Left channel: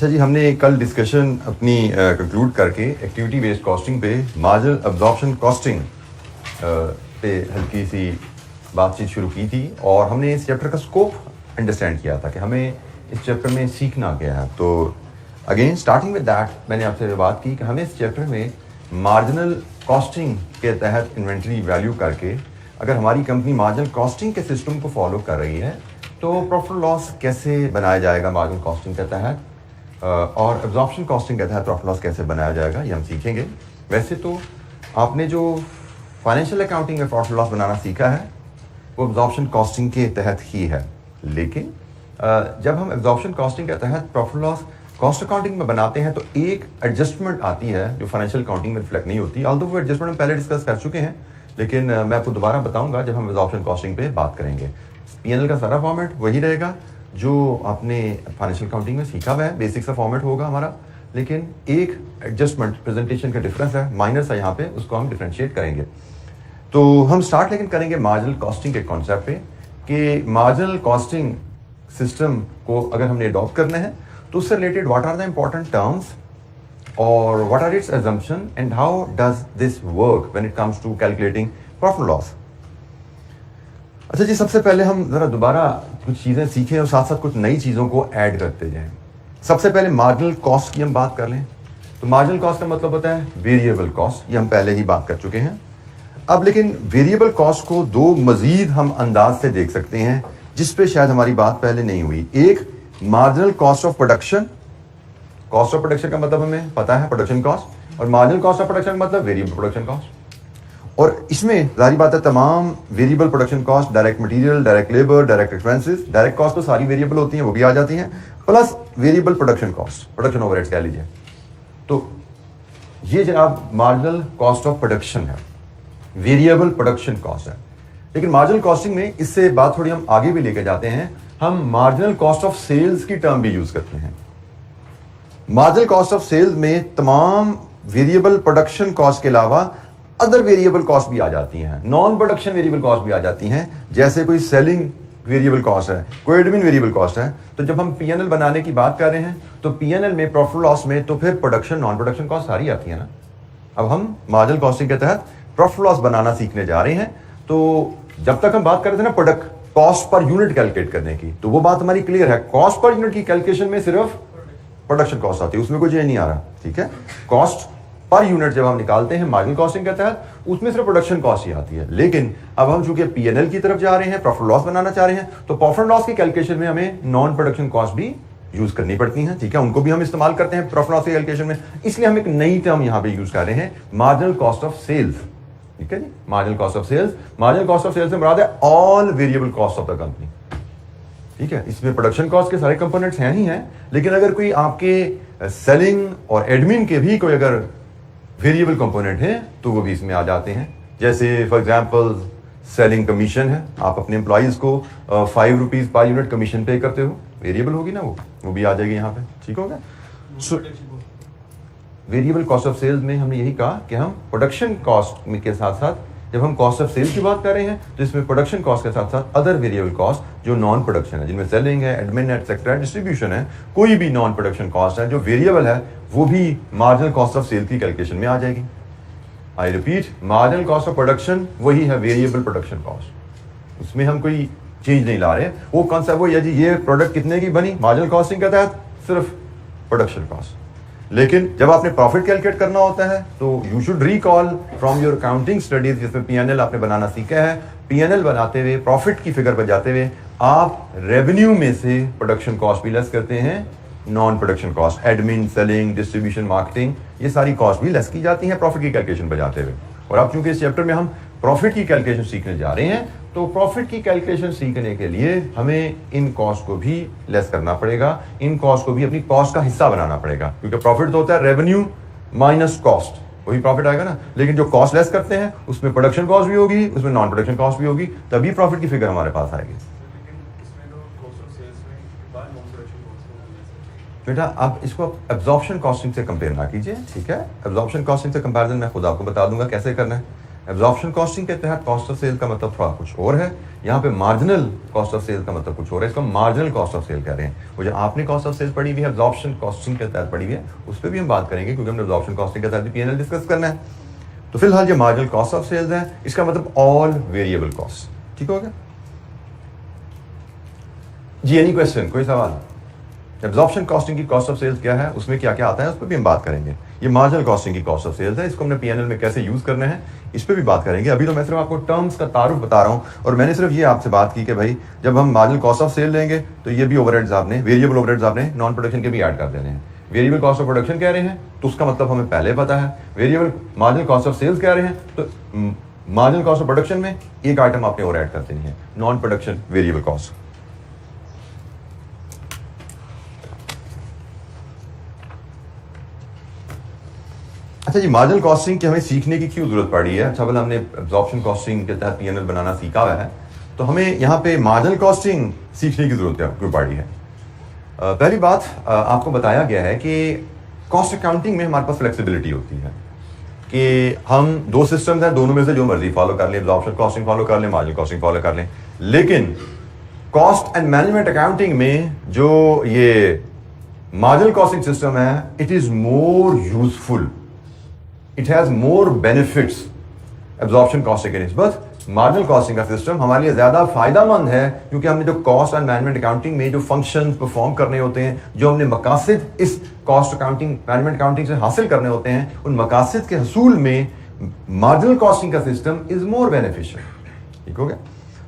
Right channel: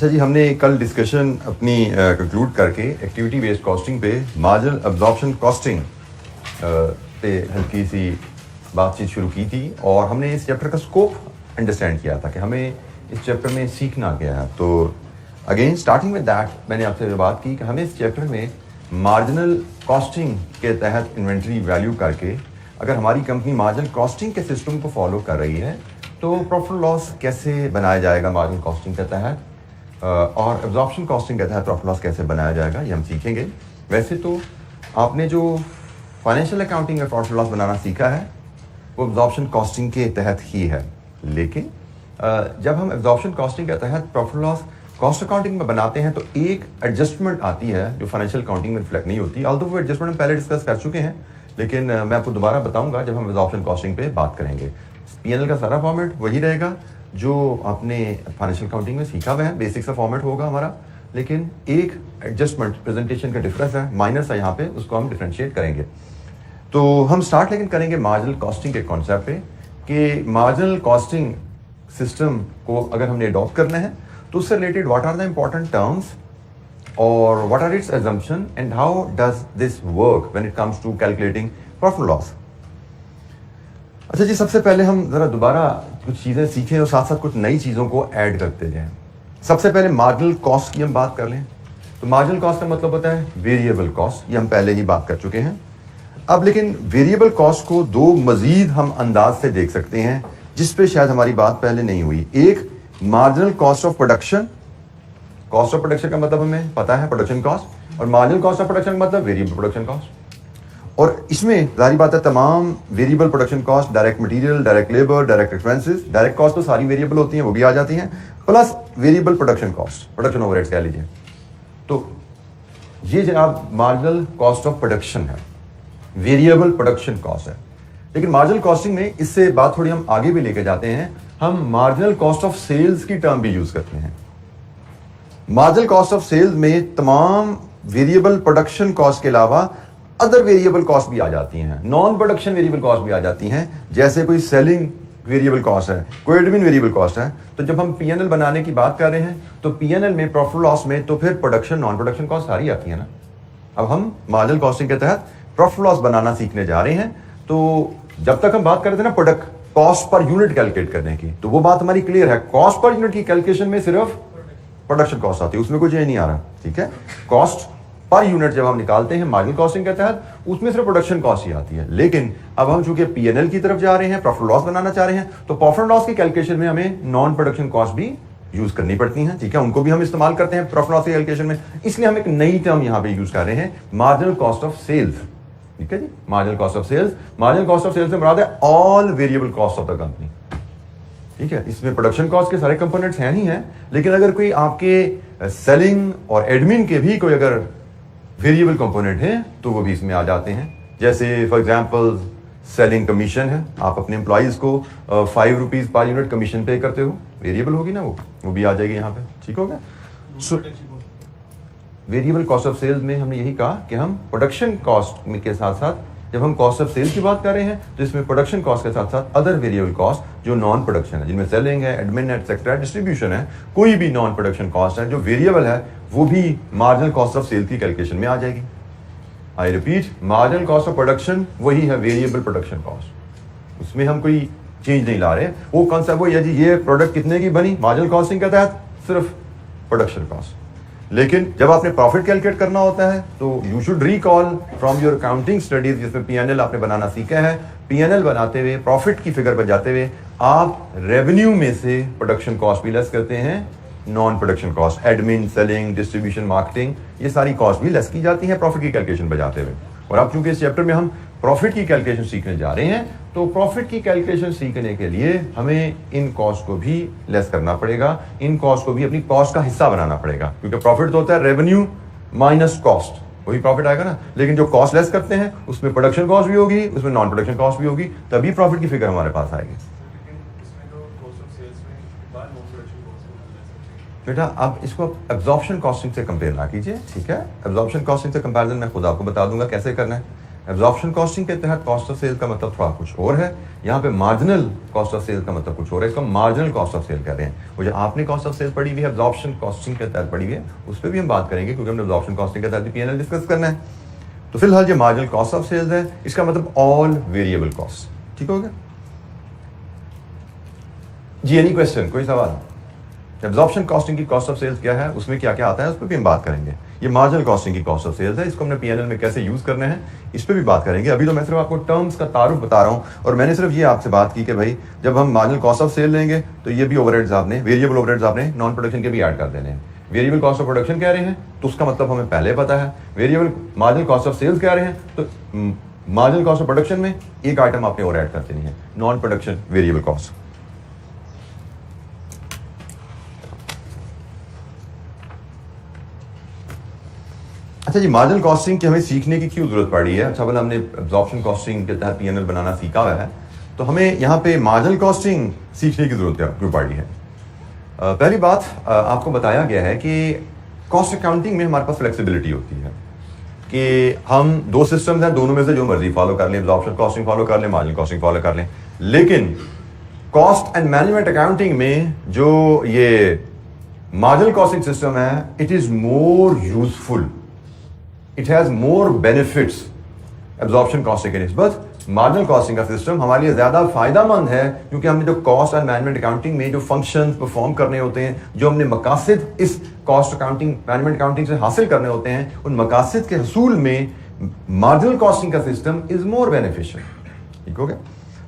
अच्छा जी, हमने कल डिस्कशन अपनी कंक्लूड करके एक्टिविटी बेस्ड कॉस्टिंग पे मार्जिनल अब्जॉर्प्शन कॉस्टिंग पे हल्की सी बातचीत शुरू की थी और हमने इस चैप्टर का स्कोप अंडरस्टैंड किया था कि हमें इस चैप्टर में सीखना क्या है। तो अगेन स्टार्टिंग विद दैट मैंने आपसे बात की कि हमें इस चैप्टर में मार्जिनल कॉस्टिंग के तहत इन्वेंट्री वैल्यू करके अगर हमारी कंपनी मार्जिनल कॉस्टिंग के सिस्टम को फॉलो कर रही है तो प्रॉफिट लॉस कैसे बनाया जाएगा मार्जिनल कॉस्टिंग के तहत और एब्जॉर्प्शन कॉस्टिंग के तहत प्रॉफिट लॉस कैसे बनाया जाएगा, ये हम सीखेंगे। वैसे तो आपने जो फाइनेंशियल अकाउंटिंग में प्रॉफिट लॉस बनाना सीखा है वो एब्जॉर्प्शन कॉस्टिंग के तहत ही है, लेकिन जब हम एब्जॉर्प्शन कॉस्टिंग के तहत प्रॉफिट लॉस कॉस्ट अकाउंटिंग में बनाते हैं तो एक एडजस्टमेंट आती है जो फाइनेंशियल अकाउंटिंग में रिफ्लेक्ट नहीं होती। ऑल्दो वो एडजस्टमेंट हम पहले डिस्कस कर चुके हैं, लेकिन मैं आपको दोबारा बताऊंगा जब हम एब्जॉर्प्शन कॉस्टिंग पे बात करेंगे। पीएनएल का सारा फॉर्मेट वही रहेगा जो आपने फाइनेंशियल अकाउंटिंग में सीखा हुआ है, बेसिक सा फॉर्मेट होगा हमारा, लेकिन एक एडजस्टमेंट प्रेजेंटेशन का डिफरेंस है, माइनर सा यहाँ पे, उसको हम डिफ्रेंशिएट करेंगे। तो हम स्टार्ट लेकिन करेंगे मार्जिनल कॉस्टिंग के कॉन्सेप्ट पे कि मार्जिनल कॉस्टिंग सिस्टम को अगर हमने अडॉप्ट करना है तो उससे related what are the important terms और what are its assumption and how does this work when it comes to calculating profit loss. अच्छा जी, सबसे पहले हम जरा दोबारा कुछ चीजें सीखें और साथ साथ कुछ नई चीजों को ऐड करते जाएं। सबसे पहले मार्जिनल कॉस्ट की हम बात कर लें तो मार्जिनल कॉस्ट का मतलब होता है वेरिएबल कॉस्ट, ये हम पहले ही बात कर चुके हैं। अब लेकिन वेरिएबल कॉस्ट को दो मजीद हम अंदाज से देख सकते हैं जिस पे शायद हमारी बात पहले नहीं हुई। एक marginal cost of production, cost of production का मतलब हमें पता है प्रोडक्शन कॉस्ट, और मार्जिनल कॉस्ट ऑफ प्रोडक्शन का मतलब वेरिएबल प्रोडक्शन कॉस्ट। और इसमें जारी बात है तमाम variable production cost, direct material, direct labour, direct expenses, direct cost तो सारी वेरिएबल होती हैं, वो भी आ जाती हैं, plus variable production cost, production overheads कह लीजिए। तो ये जनाब मार्जिनल कॉस्ट ऑफ प्रोडक्शन है, वेरिएबल प्रोडक्शन कॉस्ट है। लेकिन मार्जिनल कॉस्टिंग में इससे बात थोड़ी हम आगे भी लेके जाते हैं, हम मार्जिनल कॉस्ट ऑफ सेल्स की टर्म भी यूज करते हैं। मार्जिनल कॉस्ट ऑफ सेल्स में तमाम वेरिएबल प्रोडक्शन कॉस्ट के अलावा अदर वेरिएबल कॉस्ट भी आ जाती हैं, नॉन प्रोडक्शन वेरिएबल कॉस्ट भी आ जाती हैं, जैसे कोई सेलिंग वेरिएबल कॉस्ट है, कोई एडमिन वेरिएबल कॉस्ट है। तो जब हम पीएनएल बनाने की बात कर रहे हैं तो पीएनएल में प्रॉफिट लॉस में तो फिर प्रोडक्शन नॉन प्रोडक्शन कॉस्ट सारी आती है ना। अब हम मार्जिनल कॉस्टिंग के तहत प्रॉफिट लॉस बनाना सीखने जा रहे हैं। तो जब तक हम बात कर रहे थे ना product cost per unit calculate करने की, तो वो बात हमारी क्लियर है, कॉस्ट पर यूनिट की कैलकुलेशन में सिर्फ प्रोडक्शन कॉस्ट आती है, उसमें कोई चेंज नहीं आ रहा, ठीक है। कॉस्ट पर यूनिट जब हम निकालते हैं मार्जिनल कॉस्टिंग के तहत उसमें सिर्फ प्रोडक्शन कॉस्ट ही आती है। लेकिन अब हम चूंकि पीएनएल की तरफ जा रहे हैं, प्रॉफिट लॉस बनाना चाह रहे हैं, तो प्रॉफिट लॉस की कैलकुलेशन में हमें नॉन प्रोडक्शन कॉस्ट भी यूज करनी पड़ती हैं, ठीक है, उनको भी हम इस्तेमाल करते हैं प्रॉफिट लॉस की कैलकुलेशन में। इसलिए हम एक नई टर्म यहां पे यूज कर रहे हैं, मार्जिनल कॉस्ट ऑफ सेल्स, ठीक है जी। Marginal cost of sales, marginal cost of sales से मुराद है all variable cost of the company, ठीक है। इसमें प्रोडक्शन कॉस्ट के सारे कंपोनेंट्स हैं ही हैं, लेकिन अगर कोई आपके सेलिंग और एडमिन के भी कोई अगर वेरिएबल कंपोनेंट हैं तो वो भी इसमें आ जाते हैं। जैसे फॉर एग्जांपल सेलिंग कमीशन है, आप अपने एम्प्लॉइज को 5 रुपीज पर यूनिट कमीशन पे करते हो, वेरिएबल होगी ना, वो भी आ जाएगी यहाँ पे, ठीक हो गया। वेरिएबल कॉस्ट ऑफ सेल्स में हमने यही कहा कि हम प्रोडक्शन कॉस्ट के साथ साथ जब हम कॉस्ट ऑफ सेल की बात कर रहे हैं तो इसमें प्रोडक्शन कॉस्ट के साथ साथ अदर वेरिएबल कॉस्ट जो नॉन प्रोडक्शन है, जिनमें सेलिंग है, एडमिन है, एक्सेट्रा, डिस्ट्रीब्यूशन है, कोई भी नॉन प्रोडक्शन कॉस्ट है जो वेरिएबल है, वो भी मार्जिनल कॉस्ट ऑफ सेल की कैलकुलेशन में आ जाएगी। I repeat, marginal cost of production वही है वेरिएबल प्रोडक्शन कॉस्ट, उसमें हम कोई चेंज नहीं ला रहे। वो कॉन्सेप्ट वही है जी, ये प्रोडक्ट कितने की बनी मार्जिनल कॉस्टिंग के तहत, सिर्फ प्रोडक्शन कॉस्ट। लेकिन जब आपने प्रॉफिट कैलकुलेट करना होता है तो you should recall from your accounting studies, जिसमें पीएनएल आपने बनाना सीखा है। पीएनएल बनाते हुए, प्रॉफिट की फिगर पर जाते हुए आप रेवेन्यू में से प्रोडक्शन कॉस्ट भी लेस करते हैं, non production cost, admin, selling, distribution, marketing, ये सारी कॉस्ट भी लेस की जाती हैं प्रॉफिट की कैलकुलेशन पर जाते हुए। और अब चूंकि इस चैप्टर में हम प्रॉफिट की कैलकुलेशन सीखने जा रहे हैं तो प्रॉफिट की कैलकुलेशन सीखने के लिए हमें इन कॉस्ट को भी लेस करना पड़ेगा, इन कॉस्ट को भी अपनी कॉस्ट का हिस्सा बनाना पड़ेगा, क्योंकि प्रॉफिट तो होता है रेवेन्यू माइनस कॉस्ट, वही प्रॉफिट आएगा ना। लेकिन जो कॉस्ट लेस करते हैं उसमें प्रोडक्शन कॉस्ट भी होगी, उसमें नॉन प्रोडक्शन कॉस्ट भी होगी, तभी प्रॉफिट की फिगर हमारे पास आएगी। बेटा आप इसको एब्जॉर्प्शन कॉस्टिंग से कंपेयर ना कीजिए, ठीक है। एब्जॉर्प्शन कॉस्टिंग से कंपैरिजन मैं खुद आपको बता दूंगा कैसे करना है। एब्जॉर्प्शन कॉस्टिंग के तहत कॉस्ट ऑफ सेल का मतलब थोड़ा कुछ और है, यहाँ पे मार्जिनल कॉस्ट ऑफ सेल का मतलब कुछ और है, इसको मार्जिनल कॉस्ट ऑफ सेल कह रहे हैं। वो जो आपने कॉस्ट ऑफ सेल पढ़ी हुई है एब्जॉर्प्शन कॉस्टिंग के तहत पढ़ी हुई है, उस पर भी हम बात करेंगे क्योंकि हमने एब्जॉर्प्शन कॉस्टिंग के तहत भी P&L डिस्कस करना है। तो फिलहाल ये मार्जिनल कॉस्ट ऑफ सेल्स है, इसका मतलब ऑल वेरिएबल कॉस्ट। ठीक हो गया जी? एनी क्वेश्चन, कोई सवाल? एब्जॉर्प्शन कॉस्टिंग की कॉस्ट ऑफ सेल्स क्या है, उसमें क्या क्या आता है, उस पर भी हम बात करेंगे। ये मार्जिनल कॉस्टिंग की कॉस्ट ऑफ सेल्स है, इसको हमने P&L में कैसे यूज करने हैं इस पर भी बात करेंगे। अभी तो मैं सिर्फ आपको टर्म्स का तारुफ बता रहा हूं और मैंने सिर्फ ये आपसे बात की कि भाई जब हम मार्जिनल कॉस्ट ऑफ सेल लेंगे तो ये भी ओवरहेड्स आपने, वेरिएबल ओवरहेड्स आपने नॉन प्रोडक्शन के भी ऐड कर देने हैं। वेरिएबल कॉस्ट ऑफ प्रोडक्शन कह रहे हैं तो उसका मतलब हमें पहले पता है, variable marginal cost of sales कह रहे हैं तो मार्जिनल कॉस्ट ऑफ प्रोडक्शन में एक आइटम आपने और ऐड कर देनी है, नॉन प्रोडक्शन वेरिएबल कॉस्ट। अच्छा जी, मार्जिनल कॉस्टिंग की हमें सीखने की क्यों जरूरत पड़ी है? अच्छा, भला हमने एब्जॉर्प्शन कॉस्टिंग के तहत P&L बनाना सीखा हुआ है तो हमें यहाँ पे मार्जिनल कॉस्टिंग सीखने की जरूरत क्यों पड़ी है? पहली बात, आपको बताया गया है कि कॉस्ट अकाउंटिंग में हमारे पास फ्लेक्सिबिलिटी होती है कि हम दो सिस्टम्स हैं, दोनों में से जो मर्जी फॉलो कर लें, एब्जॉर्प्शन कॉस्टिंग फॉलो कर लें, मार्जिनल कॉस्टिंग फॉलो कर लें। लेकिन कॉस्ट एंड मैनेजमेंट अकाउंटिंग में जो ये मार्जिनल कॉस्टिंग सिस्टम है, it is more useful, it has more benefits absorption costing के निस्बत। मार्जिनल कॉस्टिंग का सिस्टम हमारे लिए ज्यादा फायदेमंद है क्योंकि हमने जो कॉस्ट एंड मैनेजमेंट अकाउंटिंग में जो फंक्शंस परफॉर्म करने होते हैं, जो हमने मकासद इस कॉस्ट अकाउंटिंग मैनेजमेंट अकाउंटिंग से हासिल करने होते हैं, उन मकासद के हसूल में मार्जिनल कॉस्टिंग का सिस्टम इज मोर बेनिफिशियल। ठीक हो गया?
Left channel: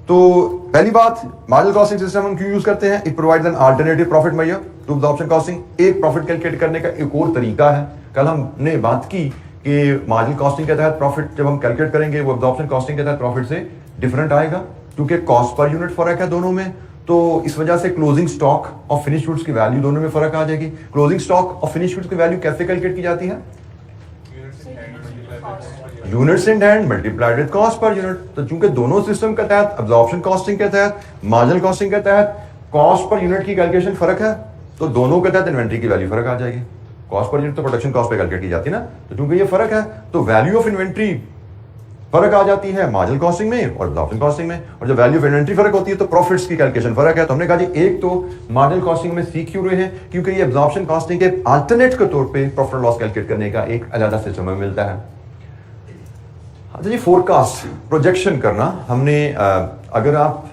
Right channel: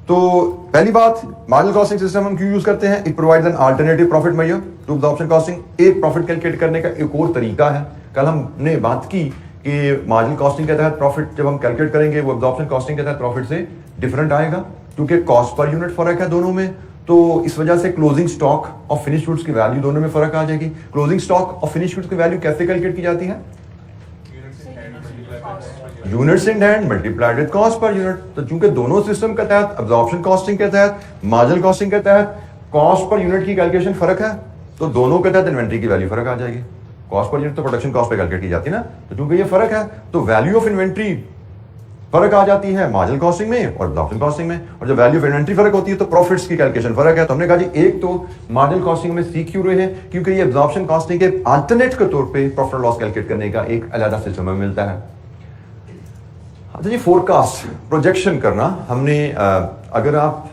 तो पहली बात, मार्जिनल कॉस्टिंग सिस्टम हम क्यों यूज करते हैं? It provides an alternative profit measure to absorption costing. एक प्रॉफिट कैलकुलेट करने का एक और तरीका है। कल हमने बात की कि मार्जिनल कॉस्टिंग के तहत प्रॉफिट जब हम कैलकुलेट करेंगे वो एब्जॉर्प्शन कॉस्टिंग के तहत प्रॉफिट से डिफरेंट आएगा क्योंकि कॉस्ट पर यूनिट फर्क है दोनों में। तो इस वजह से क्लोजिंग स्टॉक और फिनिश गुड्स की वैल्यू दोनों में फर्क आ जाएगी। क्लोजिंग स्टॉक और फिनिश गुड्स की वैल्यू कैसे कैलकुलेट की जाती है? Units in hand multiplied with cost per unit. तो चूंकि दोनों सिस्टम के तहत, एब्जॉर्प्शन कॉस्टिंग के तहत, मार्जिनल कॉस्टिंग के तहत कॉस्ट पर यूनिट की कैलकुलेशन फर्क है, तो दोनों के तहत इन्वेंट्री की वैल्यू फर्क आ जाएगी। कॉस्ट पर यूनिट तो प्रोडक्शन कॉस्ट पे कैलकुलेट की जाती है ना, तो चूंकि ये फर्क है तो वैल्यू ऑफ इन्वेंट्री फर्क आ जाती है मार्जिनल कॉस्टिंग में और एब्जॉर्प्शन कॉस्टिंग में। और जब वैल्यू ऑफ इन्वेंट्री फर्क होती है तो प्रॉफिट्स की कैलकुलेशन फर्क है। तो हमने कहा जी एक तो मार्जिनल कॉस्टिंग में सीख क्यों रहे हैं, क्योंकि ये एब्जॉर्प्शन कॉस्टिंग के अल्टरनेट के तौर पे प्रॉफिट लॉस कैलकुलेट करने का एक अलग सिस्टम हमें मिलता है। अच्छा जी, फोरकास्ट प्रोजेक्शन करना हमने अगर आप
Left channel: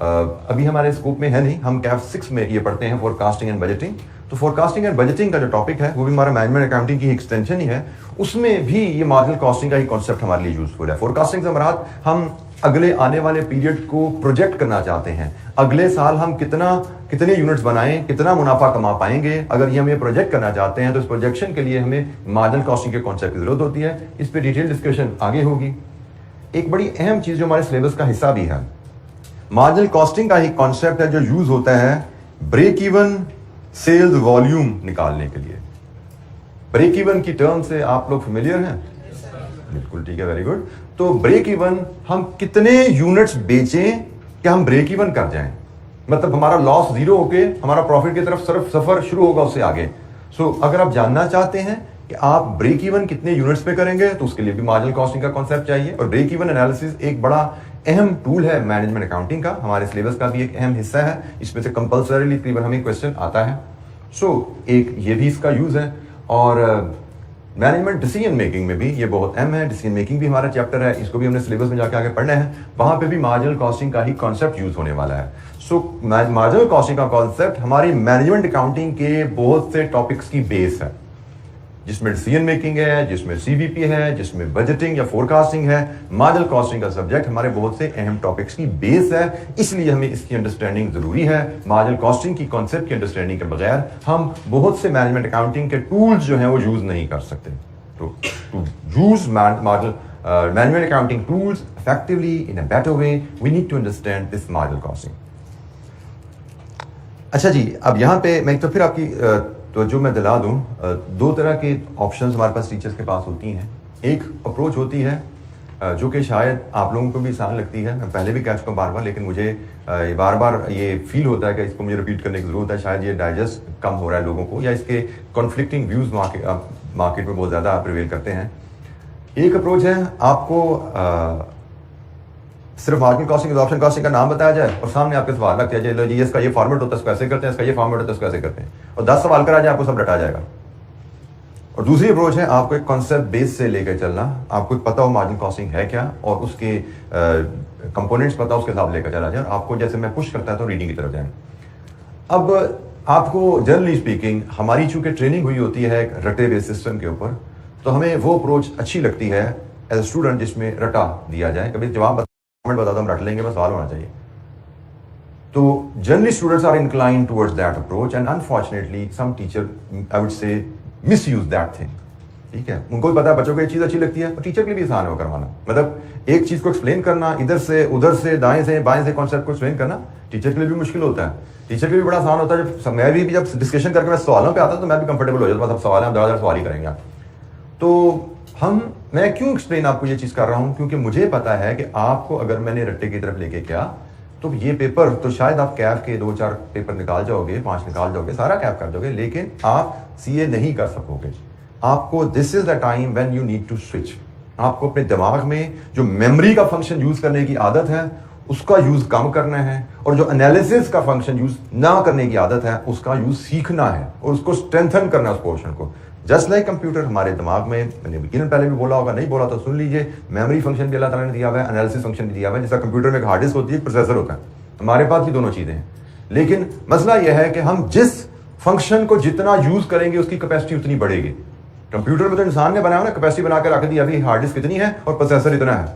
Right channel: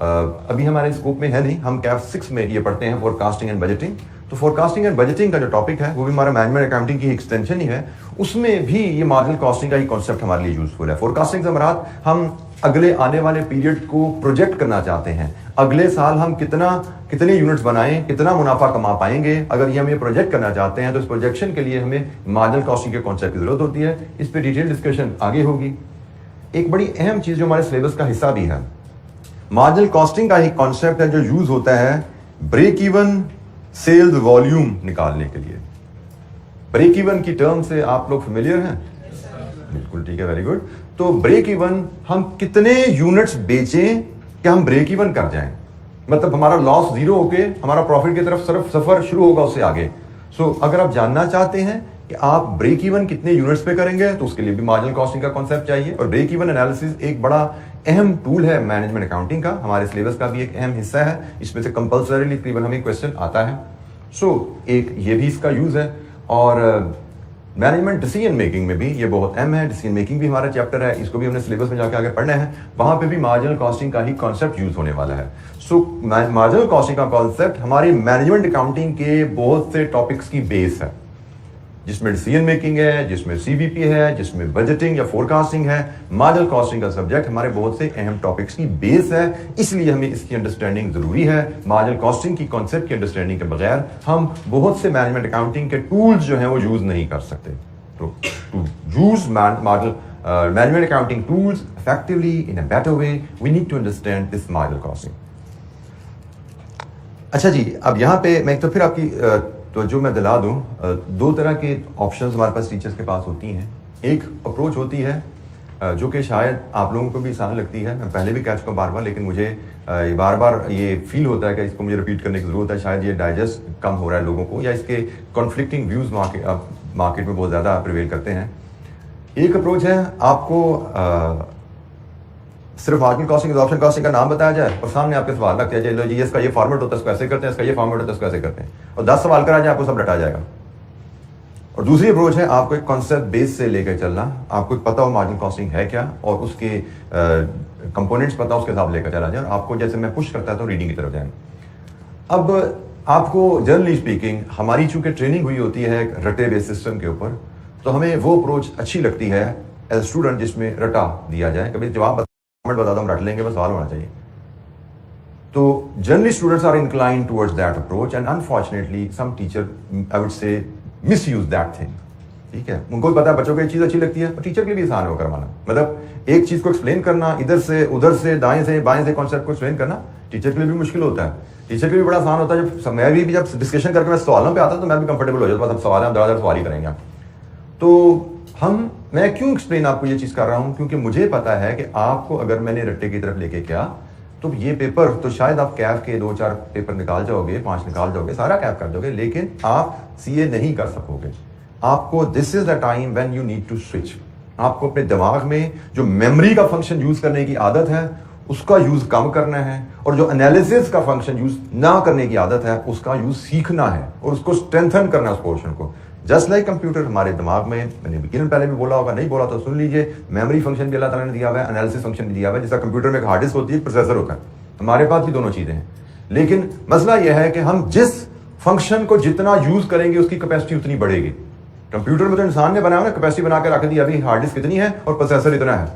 अभी हमारे स्कोप में है नहीं, हम कैफ 6 में ये पढ़ते हैं फोरकास्टिंग एंड बजटिंग। तो फोरकास्टिंग एंड बजटिंग का जो टॉपिक है वो भी हमारा मैनेजमेंट अकाउंटिंग की एक्सटेंशन ही है, उसमें भी ये मार्जिनल कॉस्टिंग का ही कॉन्सेप्ट हमारे लिए यूजफुल है। फोरकास्टिंग से मराद हम अगले आने वाले पीरियड को प्रोजेक्ट करना चाहते हैं, अगले साल हम कितने यूनिट्स बनाएं, कितना मुनाफा कमा पाएंगे। अगर ये हम ये प्रोजेक्ट करना चाहते हैं तो इस प्रोजेक्शन के लिए हमें मार्जिनल कॉस्टिंग के कॉन्सेप्ट की जरूरत होती है। इस पर डिटेल डिस्कशन आगे होगी। एक बड़ी अहम चीज जो हमारे सिलेबस का हिस्सा भी है, मार्जिनल कॉस्टिंग का ही कॉन्सेप्ट है जो यूज होता है ब्रेक इवन सेल्स वॉल्यूम निकालने के लिए। ब्रेक इवन की टर्म से आप लोग फेमिलियर हैं? बिल्कुल ठीक है, वेरी गुड। तो ब्रेक इवन, हम कितने यूनिट्स बेचें कि हम ब्रेक इवन कर जाएं, मतलब हमारा लॉस जीरो होके हमारा प्रॉफिट की तरफ सिर्फ सफर शुरू होगा उससे आगे। सो अगर आप जानना चाहते हैं कि आप ब्रेक इवन कितने यूनिट्स पे करेंगे तो उसके लिए भी मार्जिनल कॉस्टिंग का कॉन्सेप्ट चाहिए। और ब्रेक इवन एनालिसिस एक बड़ा अहम टूल है मैनेजमेंट अकाउंटिंग का, हमारे सिलेबस का भी एक अहम हिस्सा है। इसमें से कंपल्सरीली तकरीबन हमें क्वेश्चन आता है। सो एक ये भी इसका यूज है। और मैनेजमेंट डिसीजन मेकिंग में भी ये बहुत अहम है। डिसीजन मेकिंग भी हमारा चैप्टर है, इसको भी हमने सिलेबस में जाके आगे पढ़ना है। वहां पे भी मार्जिनल कॉस्टिंग का ही कॉन्सेप्ट यूज होने वाला है। सो मार्जिनल कॉस्टिंग का कॉन्सेप्ट हमारी मैनेजमेंट अकाउंटिंग के बहुत से टॉपिक्स की बेस है, जिसमें डिसीजन मेकिंग है, जिसमें सीवीपी है, जिसमें बजटिंग या फोरकास्टिंग है। मार्जिनल कॉस्टिंग का सब्जेक्ट हमारे बहुत से अहम टॉपिक्स की बेस है, इसलिए हमें इसकी अंडरस्टैंडिंग जरूरी है। मार्जिनल कॉस्टिंग की कॉन्सेप्ट की अंडरस्टैंडिंग के बगैर हम बहुत से मैनेजमेंट अकाउंटिंग के टूल्स जो हैं वो यूज नहीं कर सकते। तो to use management accounting tools effectively in a better way we need to understand this marginal costing. अच्छा जी, अब यहाँ पे मैं तो फिर आपकी तो जो मैं दिला दूं, दो तरह के ऑप्शंस हमारे पास टीचर्स के पास होती हैं। एक अप्रोच होती है जो कि शायद आप लोगों को भी आसान लगती है, मैं पहले भी कह चुका बार बार, लेकिन मुझे बार बार ये फील होता है कि इसको मुझे रिपीट करने की ज़रूरत है। शायद ये डाइजेस्ट कम हो रहा है लोगों को, या इसके कॉन्फ्लिक्टिंग व्यूज़ मार्केट में बहुत ज़्यादा प्रिवेल करते हैं। एक अप्रोच है आपको सिर्फ मार्जिनल कॉस्टिंग एब्जॉर्प्शन कॉस्टिंग का नाम बताया जाए और सामने आपके सवाल रख दिया जाए, लो जी इसका ये फॉर्मेट होता है इसको ऐसे करते हैं, इसका ये फॉर्मेट होता है इसको ऐसे करते हैं, और 10 सवाल करा जाए आपको सब रटा जाएगा। और दूसरी अप्रोच है आपको एक कॉन्सेप्ट बेस से लेकर चलना, आपको पता हो मार्जिनल कॉस्टिंग है क्या और उसके कंपोनेंट्स पता हो, उसके हिसाब लेकर चला जाए, और आपको जैसे मैं पुश करता है तो रीडिंग की तरफ जाएं। अब आपको जनरली स्पीकिंग हमारी चूंकि ट्रेनिंग हुई होती है एक रटे बेस सिस्टम के ऊपर, तो हमें वो अप्रोच अच्छी लगती है एज ए स्टूडेंट जिसमें रटा दिया जाए, कभी जवाब बता दो हम रट लेंगे, बस सवाल होना चाहिए। तो generally students are incline towards that approach and unfortunately some teacher I would say misuse that thing. ठीक है, उनको भी पता है बच्चों को ये चीज अच्छी लगती है और टीचर के लिए भी आसान हो करवाना, मतलब एक चीज को एक्सप्लेन करना इधर से उधर से दाएं से बाएं से कॉन्सेप्ट को एक्सप्लेन करना टीचर के लिए भी मुश्किल होता है, टीचर के लिए भी बड़ा आसान होता है। जब मैं भी जब डिस्कशन करके मैं सवालों पे आता हूं तो मैं भी कंफर्टेबल हो जाता हूं, सवाल है हम ज़्यादा सवाल ही करेंगे। तो मैं क्यों एक्सप्लेन आपको ये चीज कर रहा हूं, क्योंकि मुझे पता है कि आपको अगर मैंने रट्टे की तरफ लेके किया तो ये पेपर तो शायद आप कैफ के 2-4 पेपर निकाल जाओगे, 5 निकाल जाओगे, सारा कैफ कर दोगे, लेकिन आप सीए नहीं कर सकोगे। आपको this is the time when you need to switch. आपको अपने दिमाग में जो मेमोरी का फंक्शन यूज करने की आदत है उसका यूज कम करना है, और जो एनालिसिस का फंक्शन यूज ना करने की आदत है उसका यूज सीखना है और उसको स्ट्रेंथन करना उस पोर्शन को। जस्ट लाइक कंप्यूटर हमारे दिमाग में, मैंने यकीनन पहले भी बोला होगा, नहीं बोला तो सुन लीजिए, मेमोरी फंक्शन भी अल्लाह ताला ने दिया हुआ है, एनालिसिस फंक्शन भी दिया हुआ है। जैसा कंप्यूटर में एक हार्ड डिस्क होती है, प्रोसेसर होता है, हमारे पास भी दोनों चीजें हैं, लेकिन मसला यह है कि हम जिस फंक्शन को जितना यूज करेंगे उसकी कैपेसिटी उतनी बढ़ेगी। कंप्यूटर में तो इंसान ने बनाया ना, कैपेसिटी बना के रख दी, अभी हार्ड डिस्क कितनी है और प्रोसेसर इतना है,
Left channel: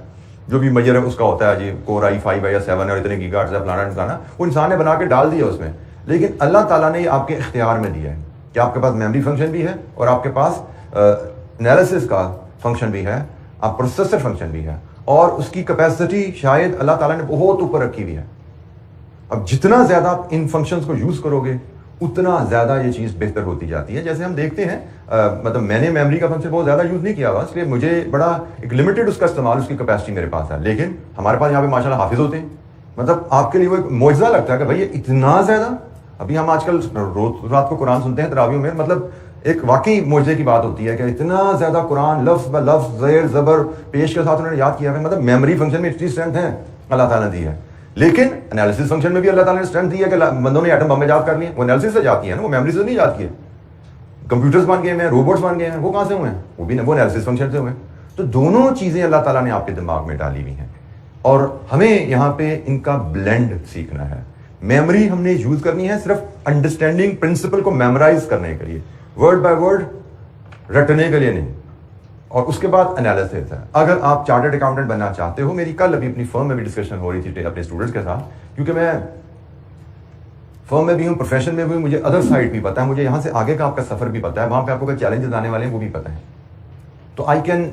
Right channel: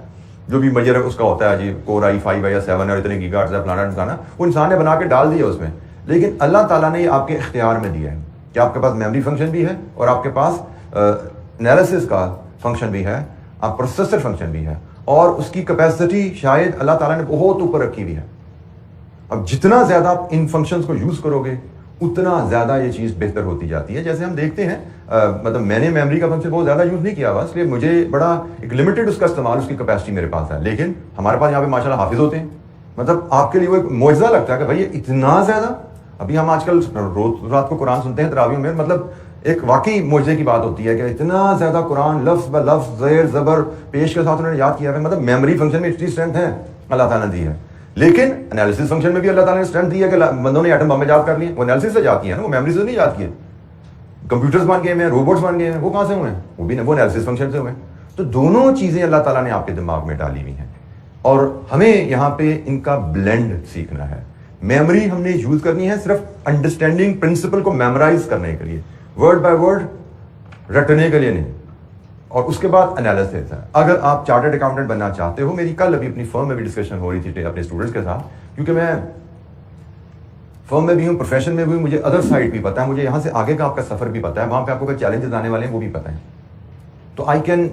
जो भी मेजर है उसका होता है जी, कोर i5 है या 7 है और इतने गीगाहर्ट्ज़ है फलाना ढिमकाना, वो इंसान ने बना के डाल दिया उसमें। लेकिन अल्लाह ताला ने आपके इख्तियार में दिया है कि आपके पास मेमोरी फंक्शन भी है और आपके पास एनालिसिस का फंक्शन भी है, आप प्रोसेसर फंक्शन भी है, और उसकी कैपेसिटी शायद अल्लाह ताला ने बहुत ऊपर रखी हुई है। अब जितना ज्यादा आप इन फंक्शंस को यूज करोगे उतना ज्यादा ये चीज बेहतर होती जाती है। जैसे हम देखते हैं मतलब मैंने मेमोरी का फंक्शन बहुत ज्यादा यूज नहीं किया हुआ, इसलिए मुझे बड़ा एक लिमिटेड उसका इस्तेमाल, उसकी कैपेसिटी मेरे पास है, लेकिन हमारे पास यहाँ पे माशाल्लाह हाफिज होते हैं, मतलब आपके लिए वो एक मौजज़ा लगता है कि भाई ये इतना ज्यादा। अभी हम आजकल रोज रात को कुरान सुनते हैं तरावियों में, मतलब एक वाकई मौजज़े की बात होती है कि इतना ज्यादा कुरान लफ्ज ब लफ्ज ज़ेर ज़बर पेश के साथ उन्होंने याद किया है, मतलब मेमोरी फंक्शन में इतनी स्ट्रेंथ है अल्लाह ताला ने दी है। लेकिन एनालिसिस फंक्शन में भी अल्लाह ताला ने स्ट्रेंथ दी है कि बंदों ने एटम बम में याद कर लिए, वो एनालिसिस से जाती है ना, वो मेमोरी से नहीं याद किए। कंप्यूटर्स बन गए हैं, रोबोट्स बन गए हैं, वो कहां से हुए हैं? वो भी वो एनालिसिस फंक्शन से हुए हैं। तो दोनों चीजें अल्लाह ताला ने आपके दिमाग में डाली हुई हैं और हमें यहाँ पे इनका ब्लेंड सीखना है। मेमोरी हमने यूज करनी है सिर्फ अंडरस्टैंडिंग प्रिंसिपल को मेमोराइज करने के लिए, वर्ड बाय वर्ड रटने के लिए नहीं, और उसके बाद एनालिसिस है। अगर आप चार्टर्ड अकाउंटेंट बनना चाहते हो, मेरी कल अभी अपनी फर्म में भी डिस्कशन हो रही थी अपने स्टूडेंट्स के साथ, क्योंकि मैं फर्म में भी हूँ, प्रोफेशन में भी, मुझे अदर साइड भी पता है, मुझे यहाँ से आगे का आपका सफर भी पता है, वहां पे आपको क्या चैलेंजेस आने वाले हैं वो भी पता है। तो आई कैन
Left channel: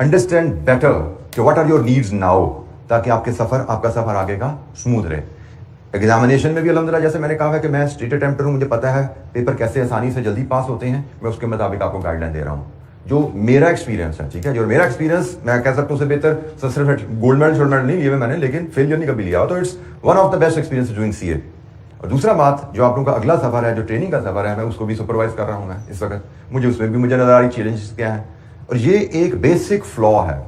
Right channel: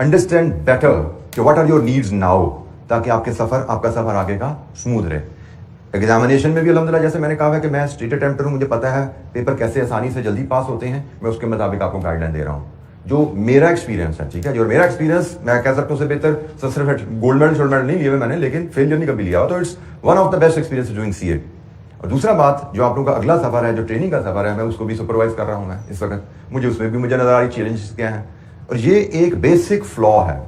अंडरस्टैंड बेटर कि what are your needs now, ताकि आपका सफर आगे का स्मूथ रहे। एग्जामिनेशन में भी अल्हम्दुलिल्लाह जैसे मैंने कहा है कि मैं स्टेट अटेम्प्टर हूँ, मुझे पता है पेपर कैसे आसानी से जल्दी पास होते हैं, मैं उसके मुताबिक आपको गाइडलाइन दे रहा हूँ जो मेरा एक्सपीरियंस है। ठीक है, जो मेरा एक्सपीरियंस मैं कह सकता हूँ उससे बेहतर सिर्फ गोल्ड मेडल नहीं लिए हुए मैंने, लेकिन फेलियर नहीं कभी लिया हुआ, तो it's one of the best experience doing CA. और दूसरा बात, जो आप लोगों का अगला सफर है, जो ट्रेनिंग का सफर है, मैं उसको भी सुपरवाइज कर रहा हूँ मैं इस वक्त, मुझे उसमें भी मुझे नजर आ रही चैलेंजेस क्या है। और ये एक बेसिक फ्लॉ है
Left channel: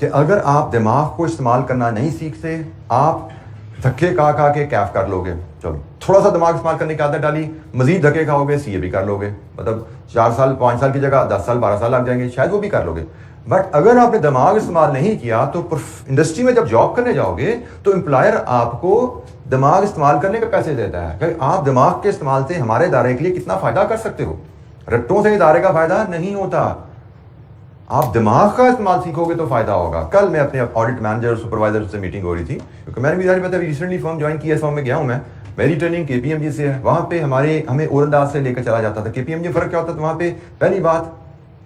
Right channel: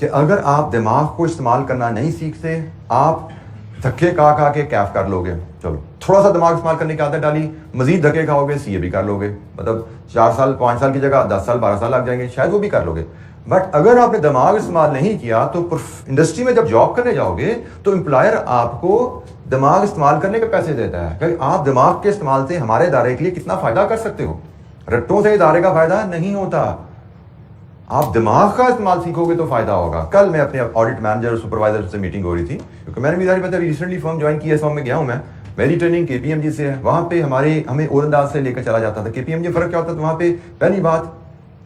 कि अगर आप दिमाग को इस्तेमाल करना नहीं सीखते, आप धक्के खा के कैफ कर लोगे। चलो थोड़ा सा दिमाग इस्तेमाल करने की आदत डाली, मजीद धक्के खाओगे, सीए भी कर लोगे, मतलब 4 साल 5 साल की जगह 10 साल 12 साल लग जाएंगे, शायद वो भी कर लोगे। बट अगर आपने दिमाग इस्तेमाल नहीं किया तो इंडस्ट्री में जब जॉब करने जाओगे तो एम्प्लॉयर आपको दिमाग इस्तेमाल करने के पैसे देता है कि आप दिमाग के इस्तेमाल से हमारे इदारे के लिए कितना फायदा कर सकते हो। रट्टों से इदारे का फायदा नहीं होता, आप दिमाग का इस्तेमाल सीखोगे तो फायदा होगा। कल मैं अपने ऑडिट मैनेजर सुपरवाइजर से मीटिंग हो रही थी, क्योंकि मैंने भी रिसेंटली फर्म ज्वाइन की है, फर्म में गया हूं मैं, मेरी ट्रेनिंग केपीएमजी से है, वहां पे हमें ओरंदाज से लेकर चला जाता था। केपीएमजी फर्क क्या होता था, वहां पे पहली बात